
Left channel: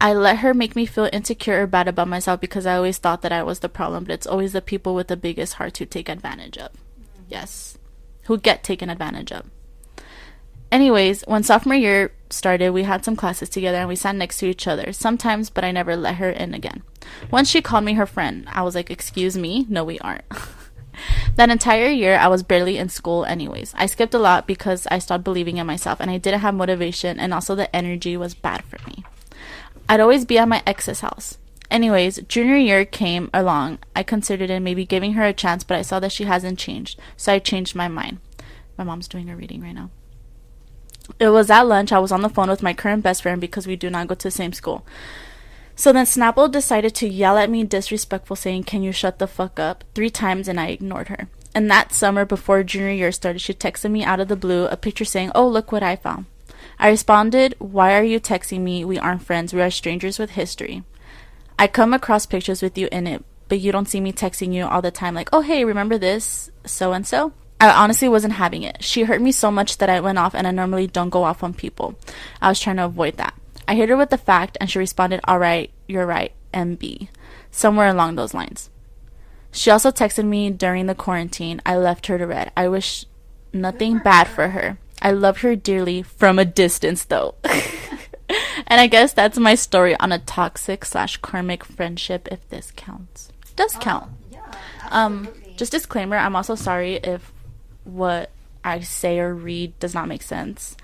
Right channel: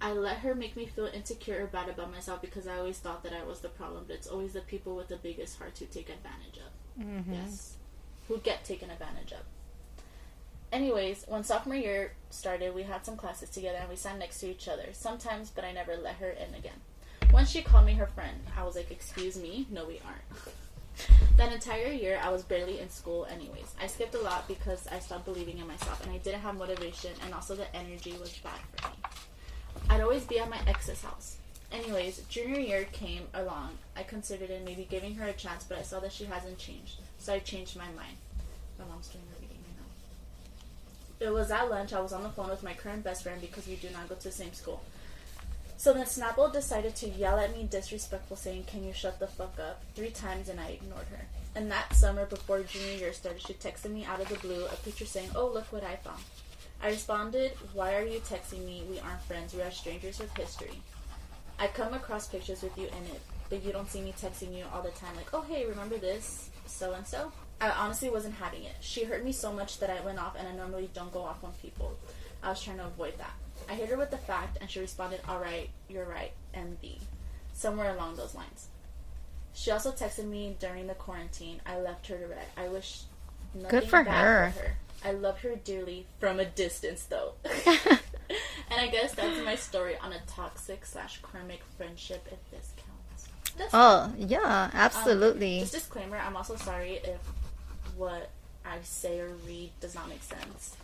I let her make me feel insecure or bad about myself because I always thought that I was the problem, but it's always the people with the biggest heart who take advantage of. Mm-hmm. Yes. Who get taken advantage of. Anyways, when sophomore year started, we had some classes together and we sat next to each other sometimes, but I never let her in again. Once she called me her friend. I was like, excuse me? No, we aren't. That entire year, I was barely in school anyways. I skipped a lot because I stopped believing in myself and I didn't have motivation, and also the energy was bad for me. I'd always be at my ex's house. Anyways, junior year came along. I considered it maybe giving her a chance, but I saw that she hasn't changed, so I changed my mind. My mom's doing a reading right now. It was at lunch. I was on the phone with my current best friend because we do not go to the same school. So then Snapple decided to yell at me disrespectful, saying, can you shut the fuck up, 3 times, and I ignored her. And that summer before junior year started, she texted me out of the blue a picture saying, oh, look what I found. I responded, why are you texting me? We aren't friends. We are strangers with history. I come across pictures with you in it, but you don't see me texting you all the time like, oh, hey, remember this so-and-so? I honestly wasn't having it. She hurt me so much that I went off, and I normally don't go off on people. I was trying to avoid that. I hit her with the fact, and she responded, all right, you're right, MB. Somewhere along those lines. She also texted me during the quarantine. I left her to read. I wish nothing bad for her. I loved her dearly from a distance, though. And I guess that's my story on a toxic/karmic friendship, if this counts. Does count. Yeah, absolutely. Just disclaimer, I'm also sorry if what I say or read does not make sense.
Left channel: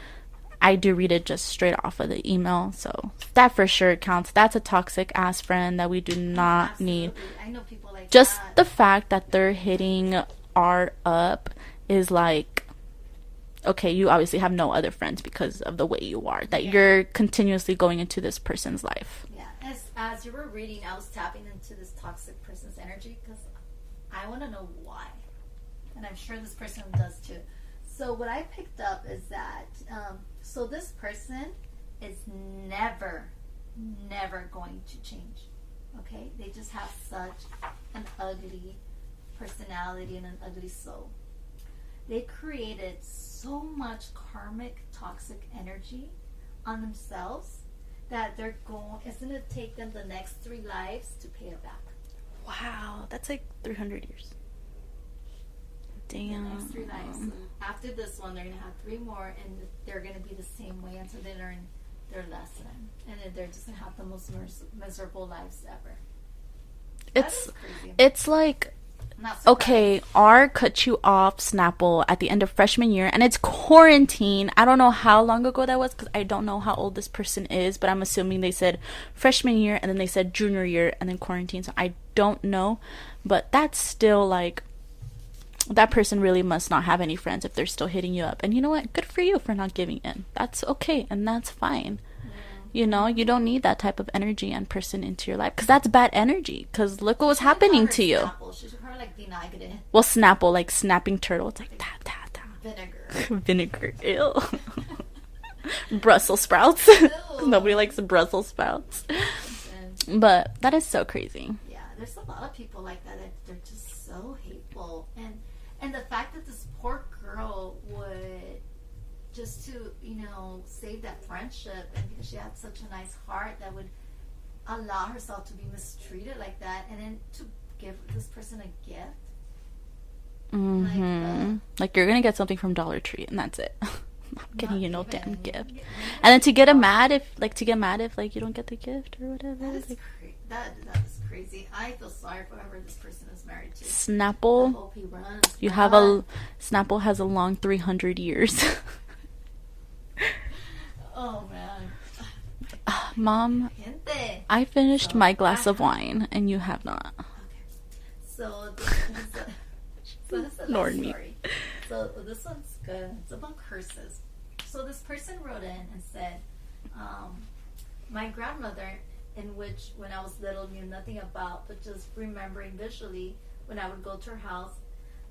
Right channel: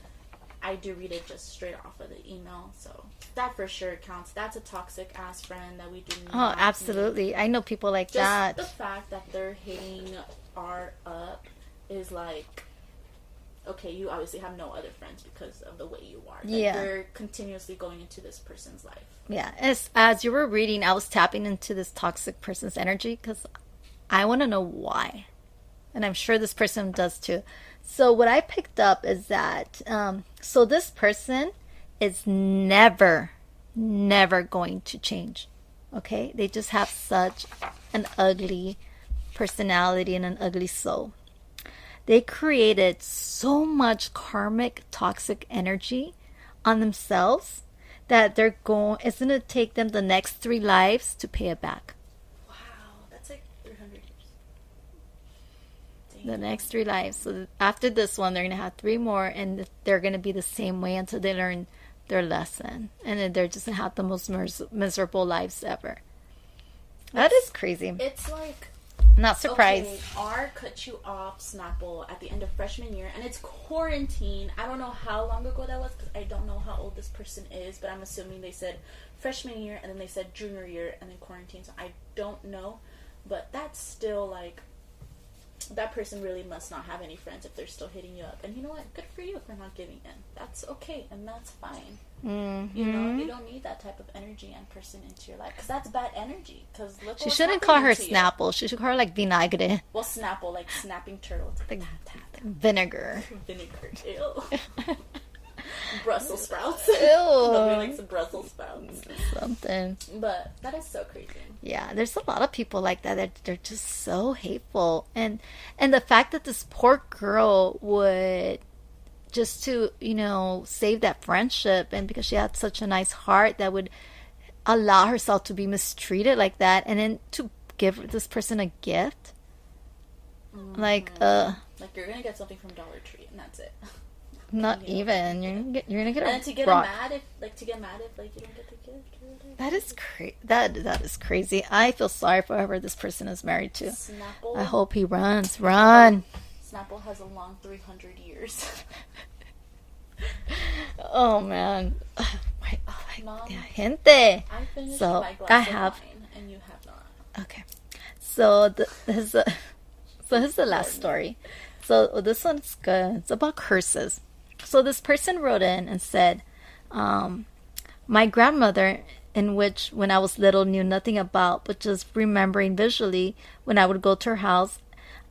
I do read it just straight off of the email, so that for sure counts. That's a toxic ass friend that we do not absolutely need. I know people like just that. The fact that they're hitting art up is like, okay, you obviously have no other friends because of the way you are, that you're continuously going into this person's life. Yeah, as you were reading, I was tapping into this toxic person's energy because I want to know why, and I'm sure this person does too. So what I picked up is that so this person is never going to change. Okay, they just have such an ugly personality and an ugly soul. They created so much karmic toxic energy on themselves that it's going to take them the next 3 lives to pay it back. Wow, that's like 300 years. Damn. The next 3 lives. So after this one, they're going to have 3 more, and they're going to be the same way until they learn their lesson. And then they're just going to have the most miserable lives ever. That is crazy. It's like Not surprised. Okay, R cut you off, Snapple, at the end of freshman year, and it's quarantine. I don't know how long ago that was because I don't know how old this person is, but I'm assuming they said freshman year and then they said junior year and then quarantine. So I don't know, but that's still like, that person really must not have any friends if they're still hitting you up. And you know what? Good for you for not giving in. That's okay and that's fine. You know, you don't need that type of energy and person into your life because that's bad energy. Because look what was happening to you. Snapple. She should call her like vinagre. Well, Snapple, like snapping turtle. It's like Vinegar. Vinegar. Ew. Brussels sprouts. Ew. Nobody likes Brussels sprouts. Something. But that is so crazy. Yeah, there's a lot of people like that. They're just so hateful, and the fact that this poor girl would, just to, you know, save that friendship, and because she had such a nice heart, that would allow herself to be mistreated like that, and then to give this person a gift. Like you're gonna get something from Dollar Tree and that's it. Not even. You're gonna get and then to get mad if like you don't get the gift or whatever. That is that is crazy. I feel sorry for whoever this person is married to. Snapple. I hope he runs. Snapple has a long 300 years. Oh man. Mom, gente. I finished my glass of wine and you have not. Okay. So this is the last story. So this one's good. It's about curses. So this person wrote in and said, my grandmother, in which when I was little knew nothing about, but just remembering visually when I would go to her house,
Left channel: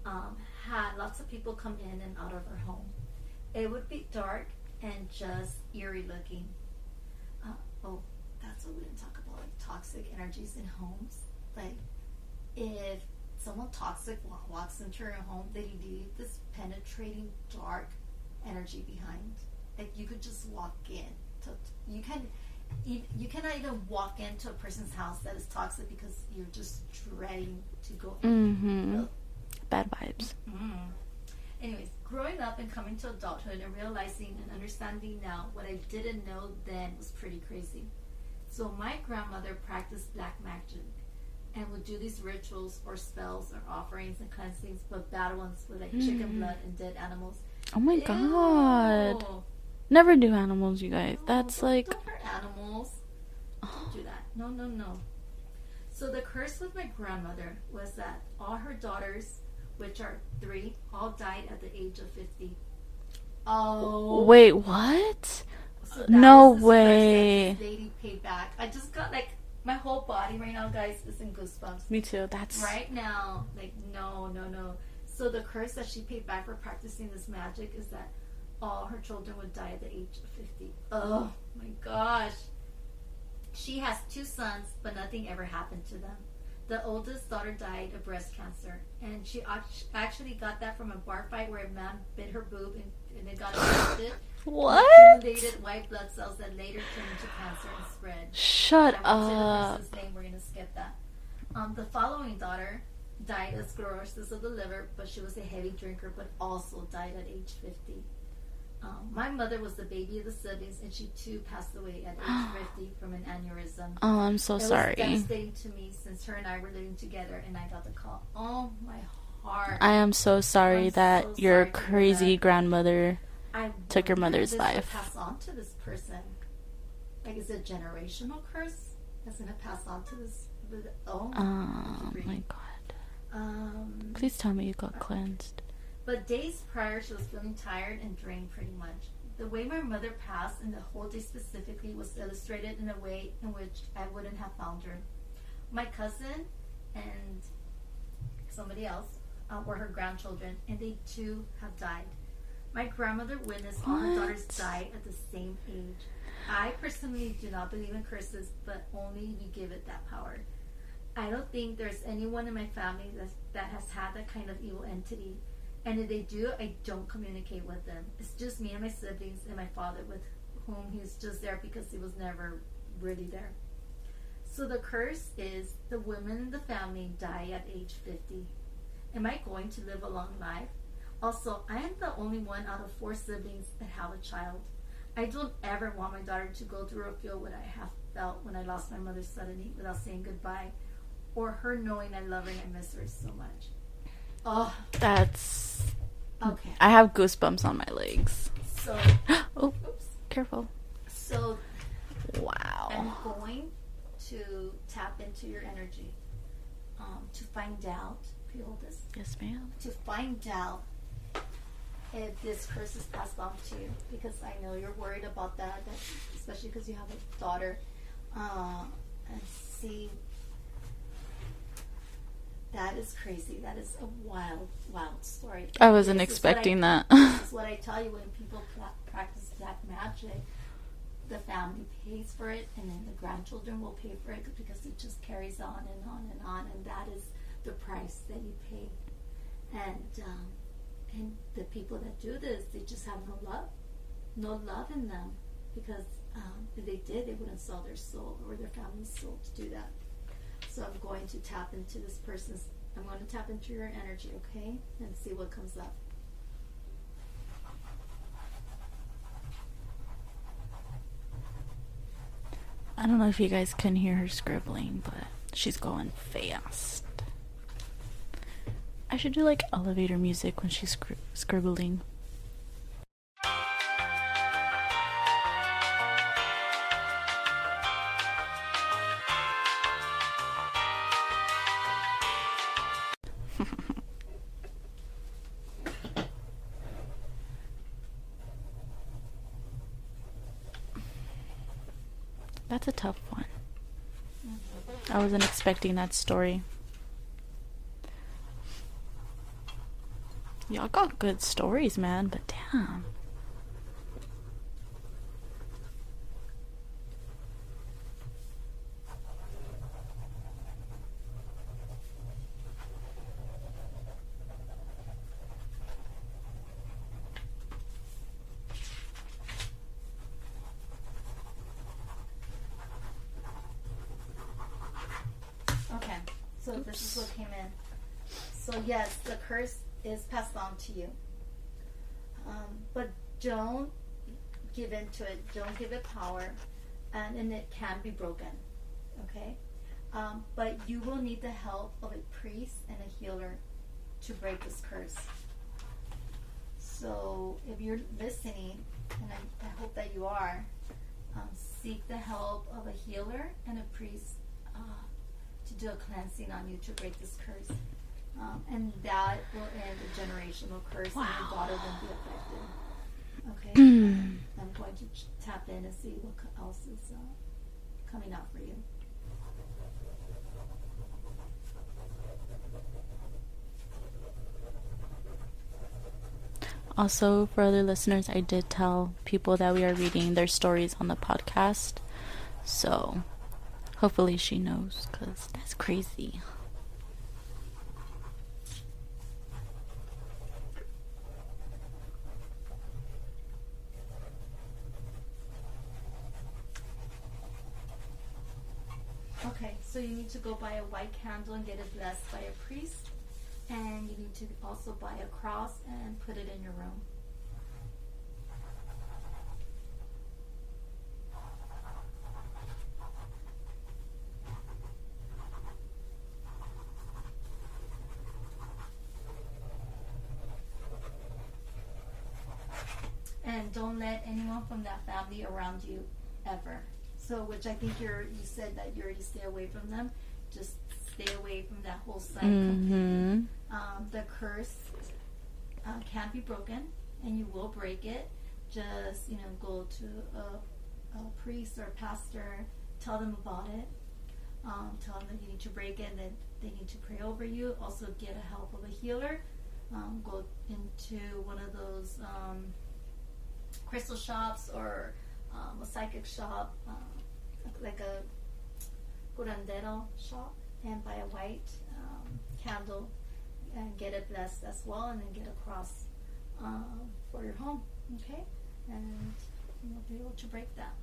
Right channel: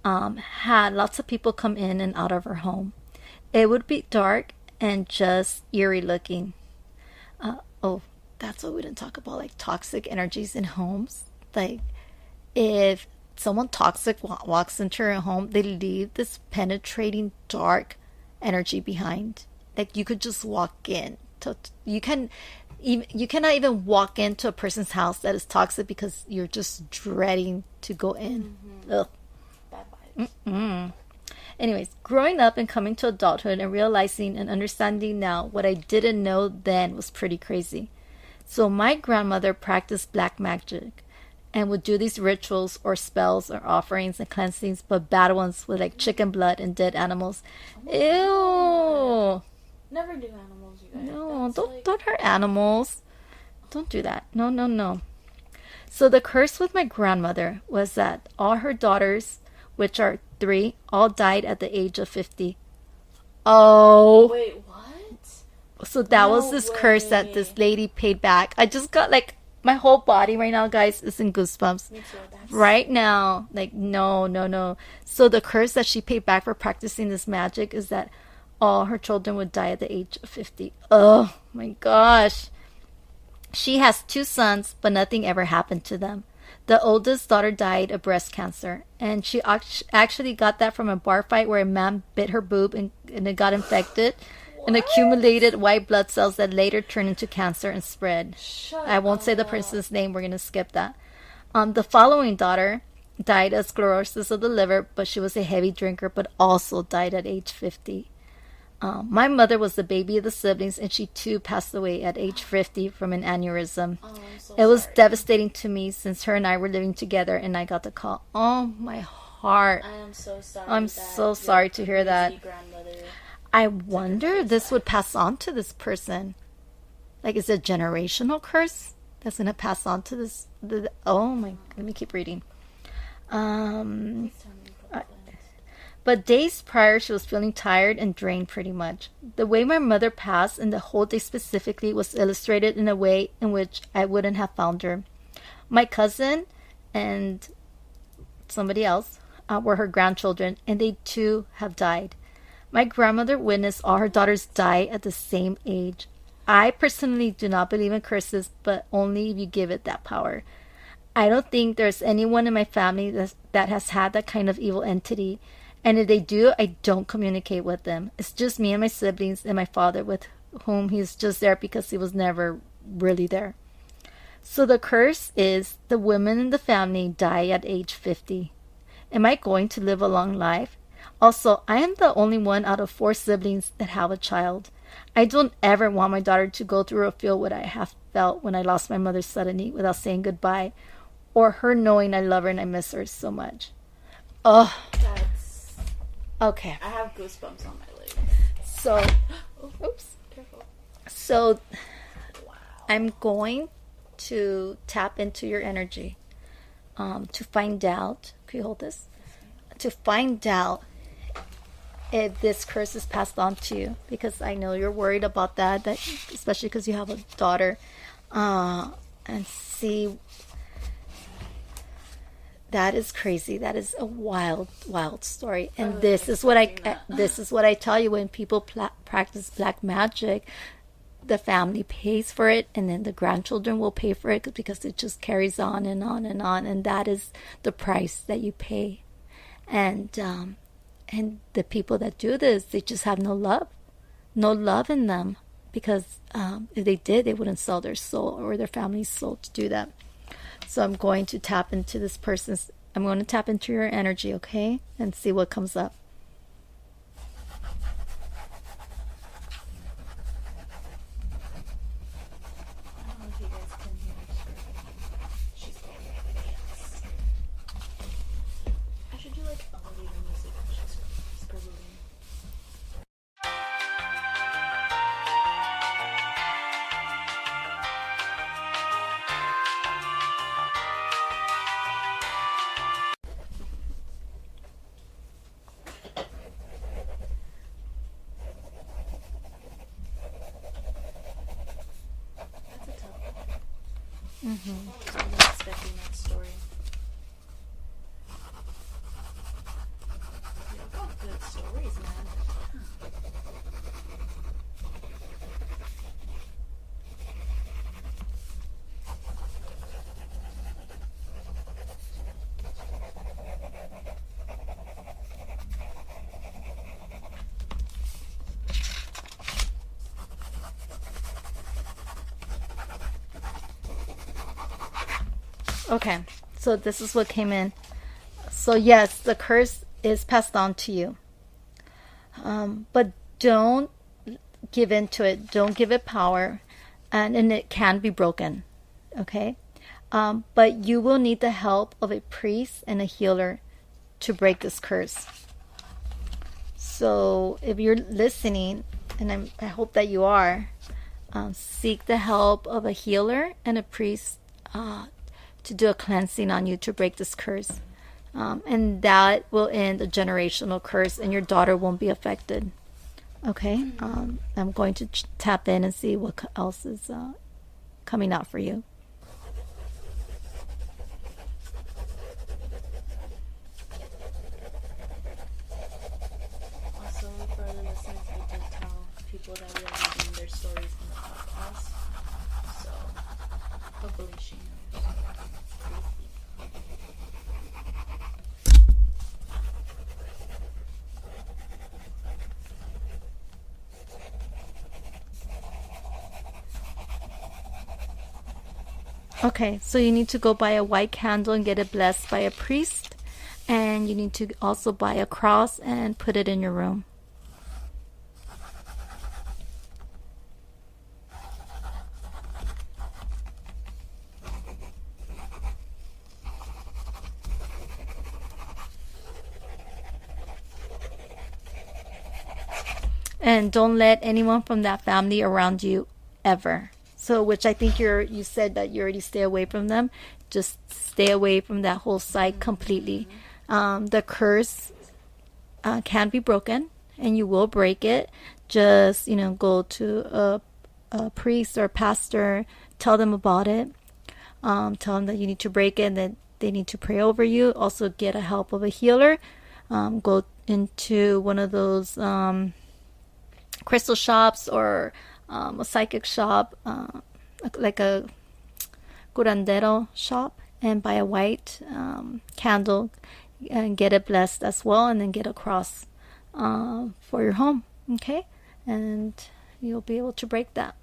had lots of people come in and out of her home. It would be dark and just eerie looking. That's what we didn't talk about, like toxic energies in homes. Like if someone toxic walks into your home, they leave this penetrating dark energy behind. Like you could just walk in. You cannot even walk into a person's house that is toxic because you're just dreading to go in. Mm-hmm. Bad vibes. Anyways, growing up and coming to adulthood and realizing and understanding now what I didn't know then was pretty crazy. So my grandmother practiced black magic and would do these rituals or spells or offerings and cleansings, but bad ones with like chicken blood and dead animals. Oh my god. Never do animals, you guys. No, That's don't hurt animals. Don't do that. No. So the curse with my grandmother was that all her daughters, which are 3, all died at the age of 50. Oh. Wait, what? So that was this curse that this lady paid back. I just got like, my whole body right now, guys, is in goosebumps. Me too. That's right now. Like, no. So the curse that she paid back for practicing this magic is that all her children would die at the age of 50. Oh my gosh. She has 2 sons, but nothing ever happened to them. The oldest daughter died of breast cancer, and she actually got that from a bar fight where a man bit her boob and it got infected and accumulated white blood cells that later turned into cancer and spread. I won't say the person's name. We're going to skip that. The following daughter died of sclerosis of the liver, but she was a heavy drinker, but also died at age 50. My mother was the baby of the siblings, and she too passed away at age 50 from an aneurysm. Oh, I'm so sorry. It was devastating to me since her and I were living together, and I got the call. Oh, my heart. I am so sorry that your crazy grandmother took your mother's life. I wonder if this would pass on to this person. Like, is it a generational curse that's going to pass on to this? Let me keep reading. Please tell me you got cleansed. But days prior, she was feeling tired and drained pretty much. The way my mother passed, and the whole day specifically, was illustrated in a way in which I wouldn't have found her. My cousin and somebody else were her grandchildren, and they too have died. My grandmother witnessed all her daughters die at the same age. I personally do not believe in curses, but only if you give it that power. I don't think there's anyone in my family that has had that kind of evil entity. And if they do, I don't communicate with them. It's just me and my siblings and my father, with whom he's just there because he was never really there. So the curse is the women in the family die at age 50. Am I going to live a long life? Also, I am the only one out of 4 siblings that have a child. I don't ever want my daughter to go through or feel what I have felt when I lost my mother suddenly without saying goodbye, or her knowing I love her and I miss her so much. Oh, That's... okay. I have goosebumps on my legs. So, Oh, oops. Careful. so Wow. I'm going to tap into your energy to find out. Can you hold this? Yes, ma'am. To find out if this curse is passed on to you, because I know you're worried about that especially because you have a daughter, and see. That is crazy. That is a wild, wild story. And I wasn't expecting that. This is what I tell you, when people practice black magic, the family pays for it, and then the grandchildren will pay for it because it just carries on and on and on, and that is the price that you pay. And the people that do this, they just have no love in them, because if they did, they wouldn't sell their soul or their family's soul to do that. So I'm going to tap into this person's, I'm going to tap into your energy, okay? And see what comes up. I don't know if you guys can hear her scribbling, but she's going fast. I should do like elevator music when she's scribbling. That's a tough one. I wasn't expecting that story. Y'all got good stories, man, but damn. Okay, so this is what came in. So yes, the curse is passed on to you. But don't give in to it. Don't give it power. And it can be broken. Okay? But you will need the help of a priest and a healer to break this curse. So if you're listening, and I hope that you are, seek the help of a healer and a priest to do a cleansing on you to break this curse. And that will end a generational curse, and your daughter won't be affected. Okay? I'm going to tap in and see what else is coming out for you. Also, for other listeners, I did tell people that we are reading their stories on the podcast. So, hopefully she knows, because that's crazy. Okay, so you need to go buy a white candle and get it blessed by a priest. And you need to also buy a cross and put it in your room. And don't let anyone from that family around you ever. So, which I think you said that you already stay away from them. Just stay away from that whole site completely. The curse can be broken, and you will break it. Just, go to a priest or a pastor, tell them about it. Tell them that you need to break it and that they need to pray over you. Also get a help of a healer. Go into one of those crystal shops or a psychic shop, like a curandero shop, and buy a white candle and get it blessed as well, and then get a cross for your home. Okay? And you'll be able to break that.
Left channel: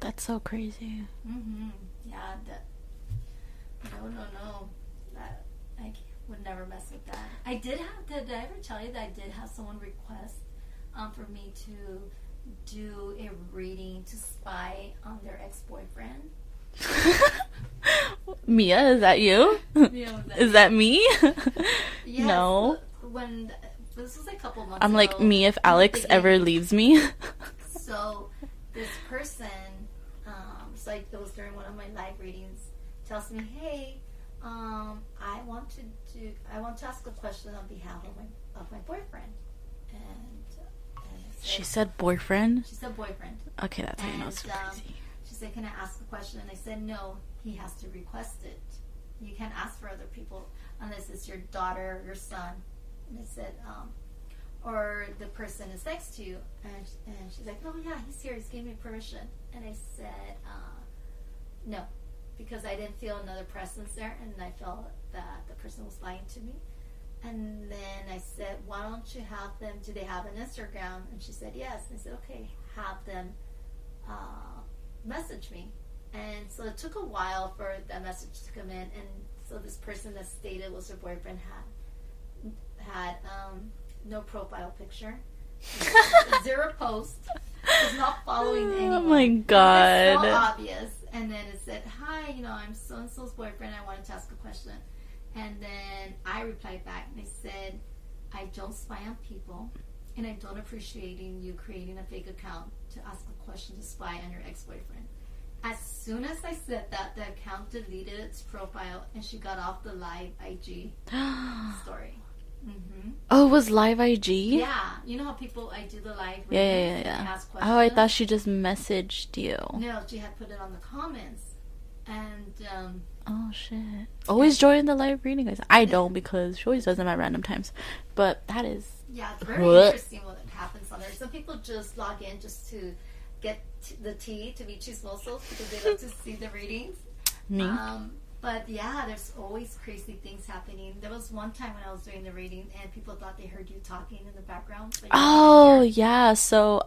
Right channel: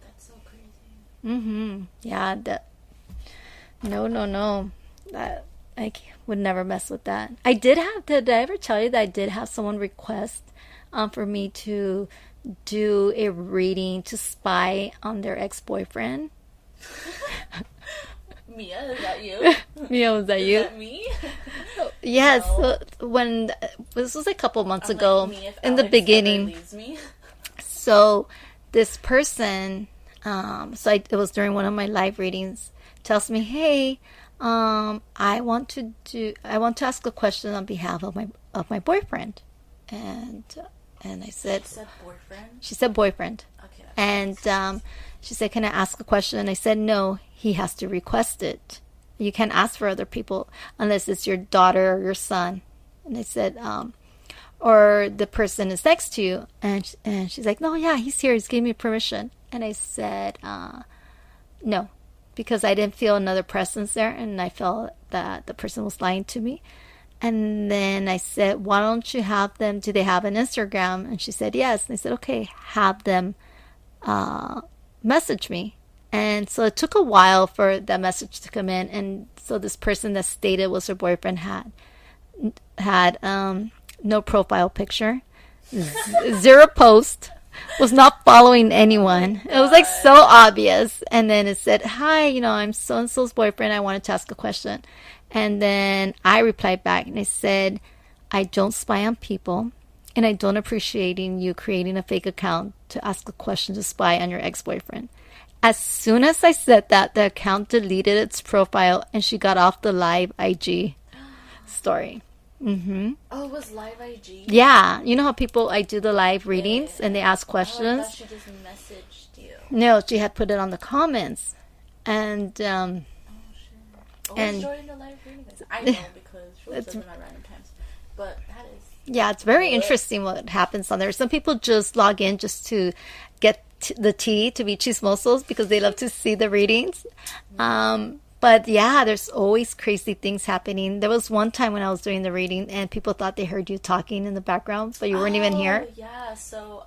That's so crazy. Yeah, no. That I would never mess with that. Did I ever tell you that I did have someone request for me to do a reading to spy on their ex-boyfriend? Mia, is that you? Mia, was that Is you? that me? Yes. No. When this was a couple months I'm ago. like, me if in the Alex ever beginning. leaves me. So this person, it was during one of my live readings, tells me, "Hey, I want to ask a question on behalf of my boyfriend," and I said, She said boyfriend? she said boyfriend, Okay, that's and she said, "Can I ask a question?" And I said, "No, he has to request it. You can't ask for other people unless it's your daughter or your son." And I said, or the person is next to you, and she's like, "No, yeah, he's here. He's giving me permission." And I said, "No," because I didn't feel another presence there, and I felt that the person was lying to me. And then I said, "Why don't you have them? Do they have an Instagram?" And she said, "Yes." And I said, "Okay, have them message me." And so it took a while for that message to come in, and so this person that stated was her boyfriend had no profile picture, zero post, was not following anyone. It was like so obvious. And then it said, "Hi, I'm so and so's boyfriend. I wanted to ask a question." And then I replied back and I said, "I don't spy on people, and I don't appreciate you creating a fake account to ask a question to spy on your ex-boyfriend." As soon as I said that, the account deleted its profile and she got off the live IG story. Oh, it was live IG? Yeah, you know how I do the live readings and they ask questions? Oh, I thought she just messaged you. No, she had put it on the comments. And, oh, shit. Always join the live reading, guys. I don't because she always does them at random times. But that is... Yeah, it's very interesting what happens on there. Some people just log in just to get the tea, to be chismosos, because they love to see the readings. But yeah, there's always crazy things happening. There was one time when I was doing the reading and people thought they heard you talking in the background, but you weren't even here. Oh, yeah. So,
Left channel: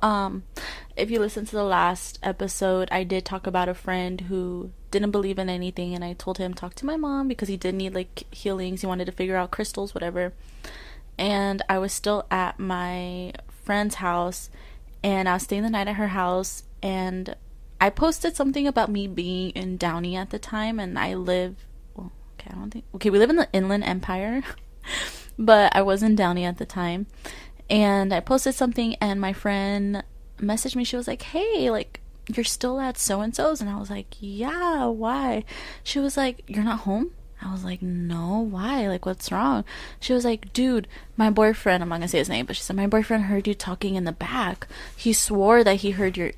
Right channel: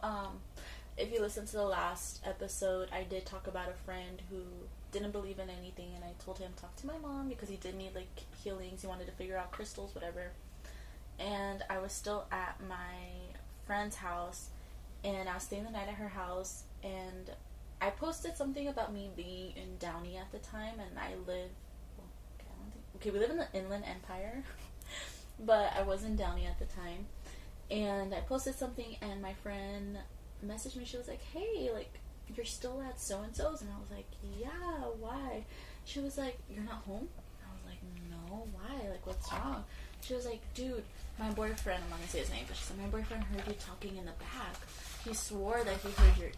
if you listen to the last episode, I did talk about a friend who didn't believe in anything, and I told him talk to my mom because he did need like healings. He wanted to figure out crystals, whatever. And I was still at my friend's house, and I was staying the night at her house, and I posted something about me being in Downey at the time, and we live in the Inland Empire, but I was in Downey at the time, and I posted something, and my friend messaged me. She was like, "Hey, like, you're still at so-and-so's?" And I was like, "Yeah, why?" She was like, "You're not home?" I was like, "No, why? Like, what's wrong?" She was like, "Dude, my boyfriend," I'm not gonna say his name, but she said, "My boyfriend heard you talking in the back. He swore that he heard your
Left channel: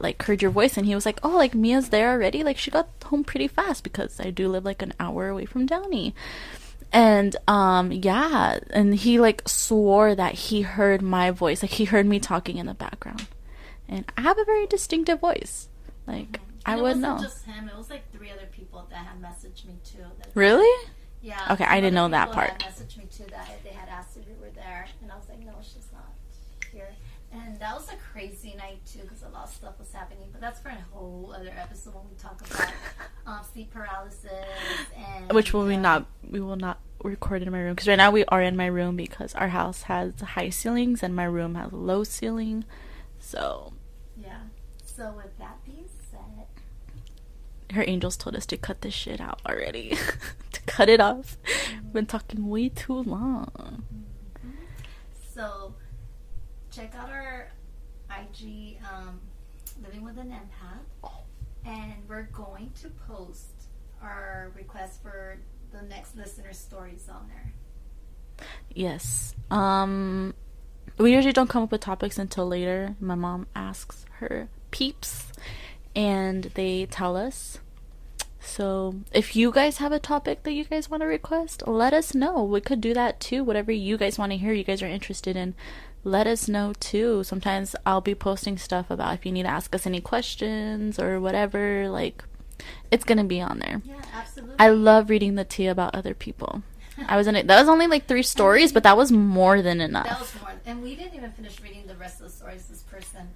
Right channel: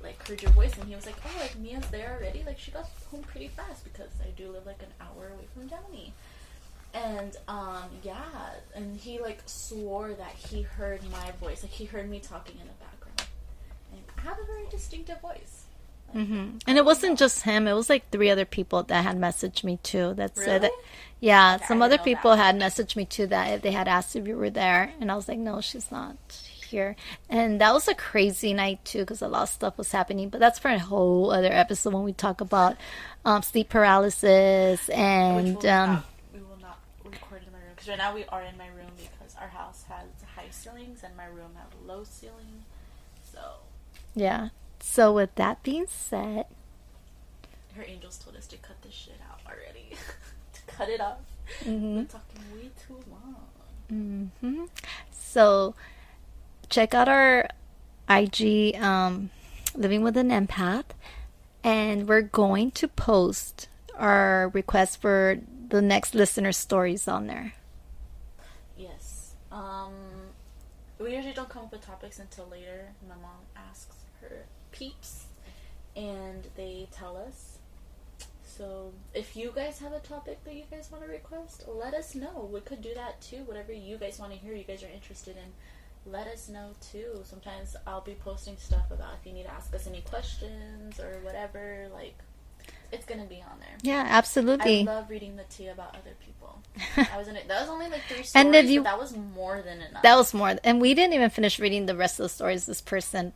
voice, and he was like, oh, like, Mia's there already? Like, she got home pretty fast," because I do live like an hour away from Downey. And, yeah, and he, like, swore that he heard my voice. Like, he heard me talking in the background. And I have a very distinctive voice. Like, and it wasn't just him. It was like 3 other people that had messaged me too. That's really? Yeah, okay, some other people had messaged me too that if they had asked if you were there, and I was like, "No, she's not here." And that was a crazy night too because a lot of stuff was happening. But that's for a whole other episode when we talk about sleep paralysis and which we will not record in my room because right now we are in my room because our house has high ceilings and my room has low ceiling. So yeah. So with that being said, her angels told us to cut this shit out already. To cut it off. Been talking way too long. So check out our IG, Living with an Empath, and we're going to post our request for the next listener stories on there. Yes. We usually don't come up with topics until later. My mom asks her peeps and they tell us. So if you guys have a topic that you guys want to request, let us know. We could do that too. Whatever you guys want to hear, you guys are interested in, let us know too. Sometimes I'll be posting stuff about if you need to ask us any questions or whatever. Like, it's gonna be on there. Yeah, absolutely. I love reading the tea about other people. That was only like 3 stories, but that was more than enough. That was more, and we didn't even finish reading the rest of the stories. This person,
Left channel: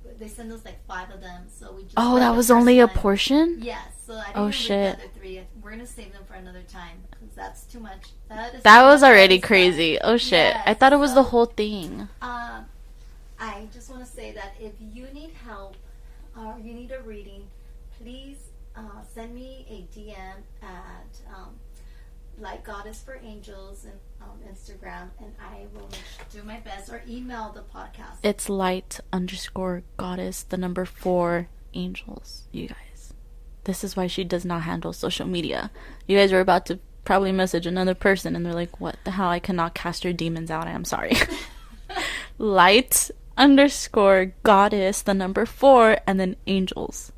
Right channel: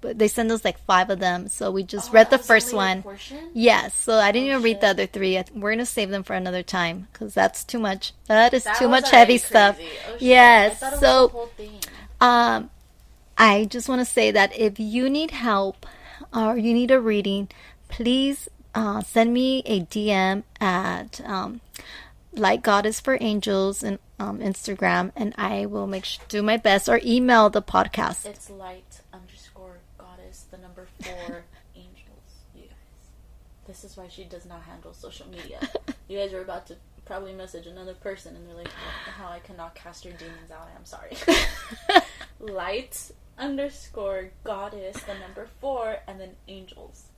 but they sent us like 5 of them, so we just read the first one. Oh, that was only a portion? Yes, so I didn't even read the other 3. We're gonna save them for another time because that's too much. That was already crazy. Stuff. Oh shit! Yes, I thought it was the whole thing. I just want to say that if you need help or you need a reading, please send me a DM at Light Goddess for Angels and Instagram, and I will do my best, or email the podcast. It's light_goddess, the number 4 angels, you guys. This is why she does not handle social media. You guys were about to probably message another person and they're like, what the hell? I cannot cast your demons out. I'm sorry. Light_goddess, the number 4, and then angels.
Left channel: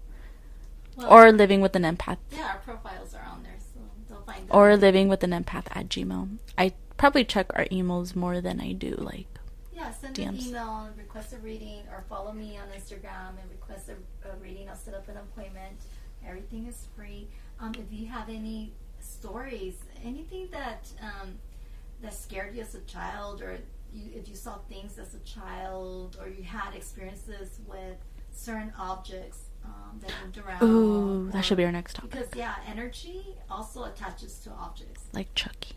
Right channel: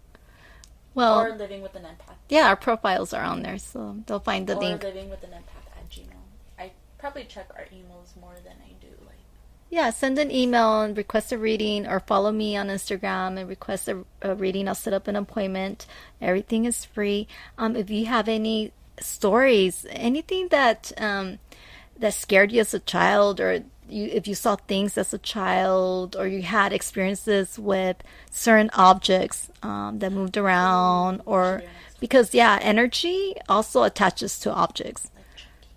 Well, or living with an empath. Yeah, our profiles are on there, so they'll find the Or link. living with an empath at Gmail. I probably check our emails more than I do, like. Yeah, send an email and request a reading, or follow me on Instagram and request a reading. I'll set up an appointment. Everything is free. If you have any stories, anything that that scared you as a child, or if you saw things as a child, or you had experiences with certain objects that moved around, or that should be our next topic. Because energy also attaches to objects, like Chucky.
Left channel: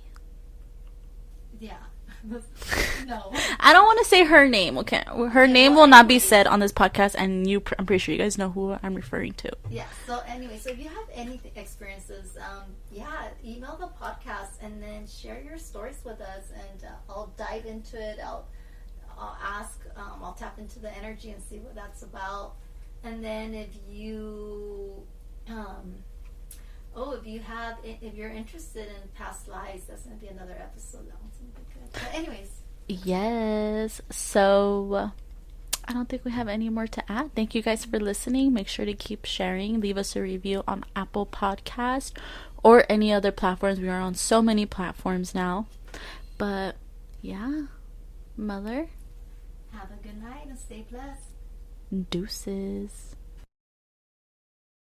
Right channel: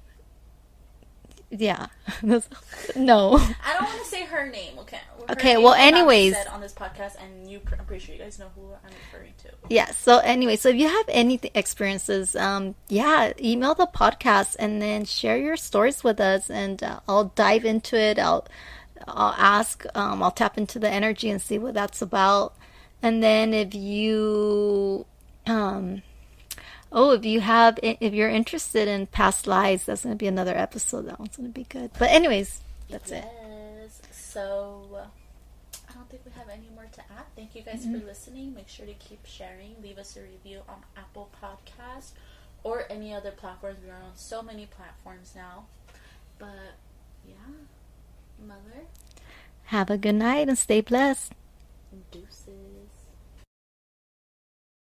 Yeah. No. I don't want to say her name, okay? Her name will not be said on this podcast, and I'm pretty sure you guys know who I'm referring to. Yeah, so anyway, so if you have any experiences, email the podcast and then share your stories with us, and I'll dive into it. I'll ask, I'll tap into the energy and see what that's about. And then if you... if you're interested in past lives, that's going to be another episode. That one's going to be good. But anyways, yes. So I don't think we have any more to add. Thank you guys for listening. Make sure to keep sharing. Leave us a review on Apple Podcast or any other platforms. We are on so many platforms now. But yeah, Mother, have a good night and stay blessed. Deuces.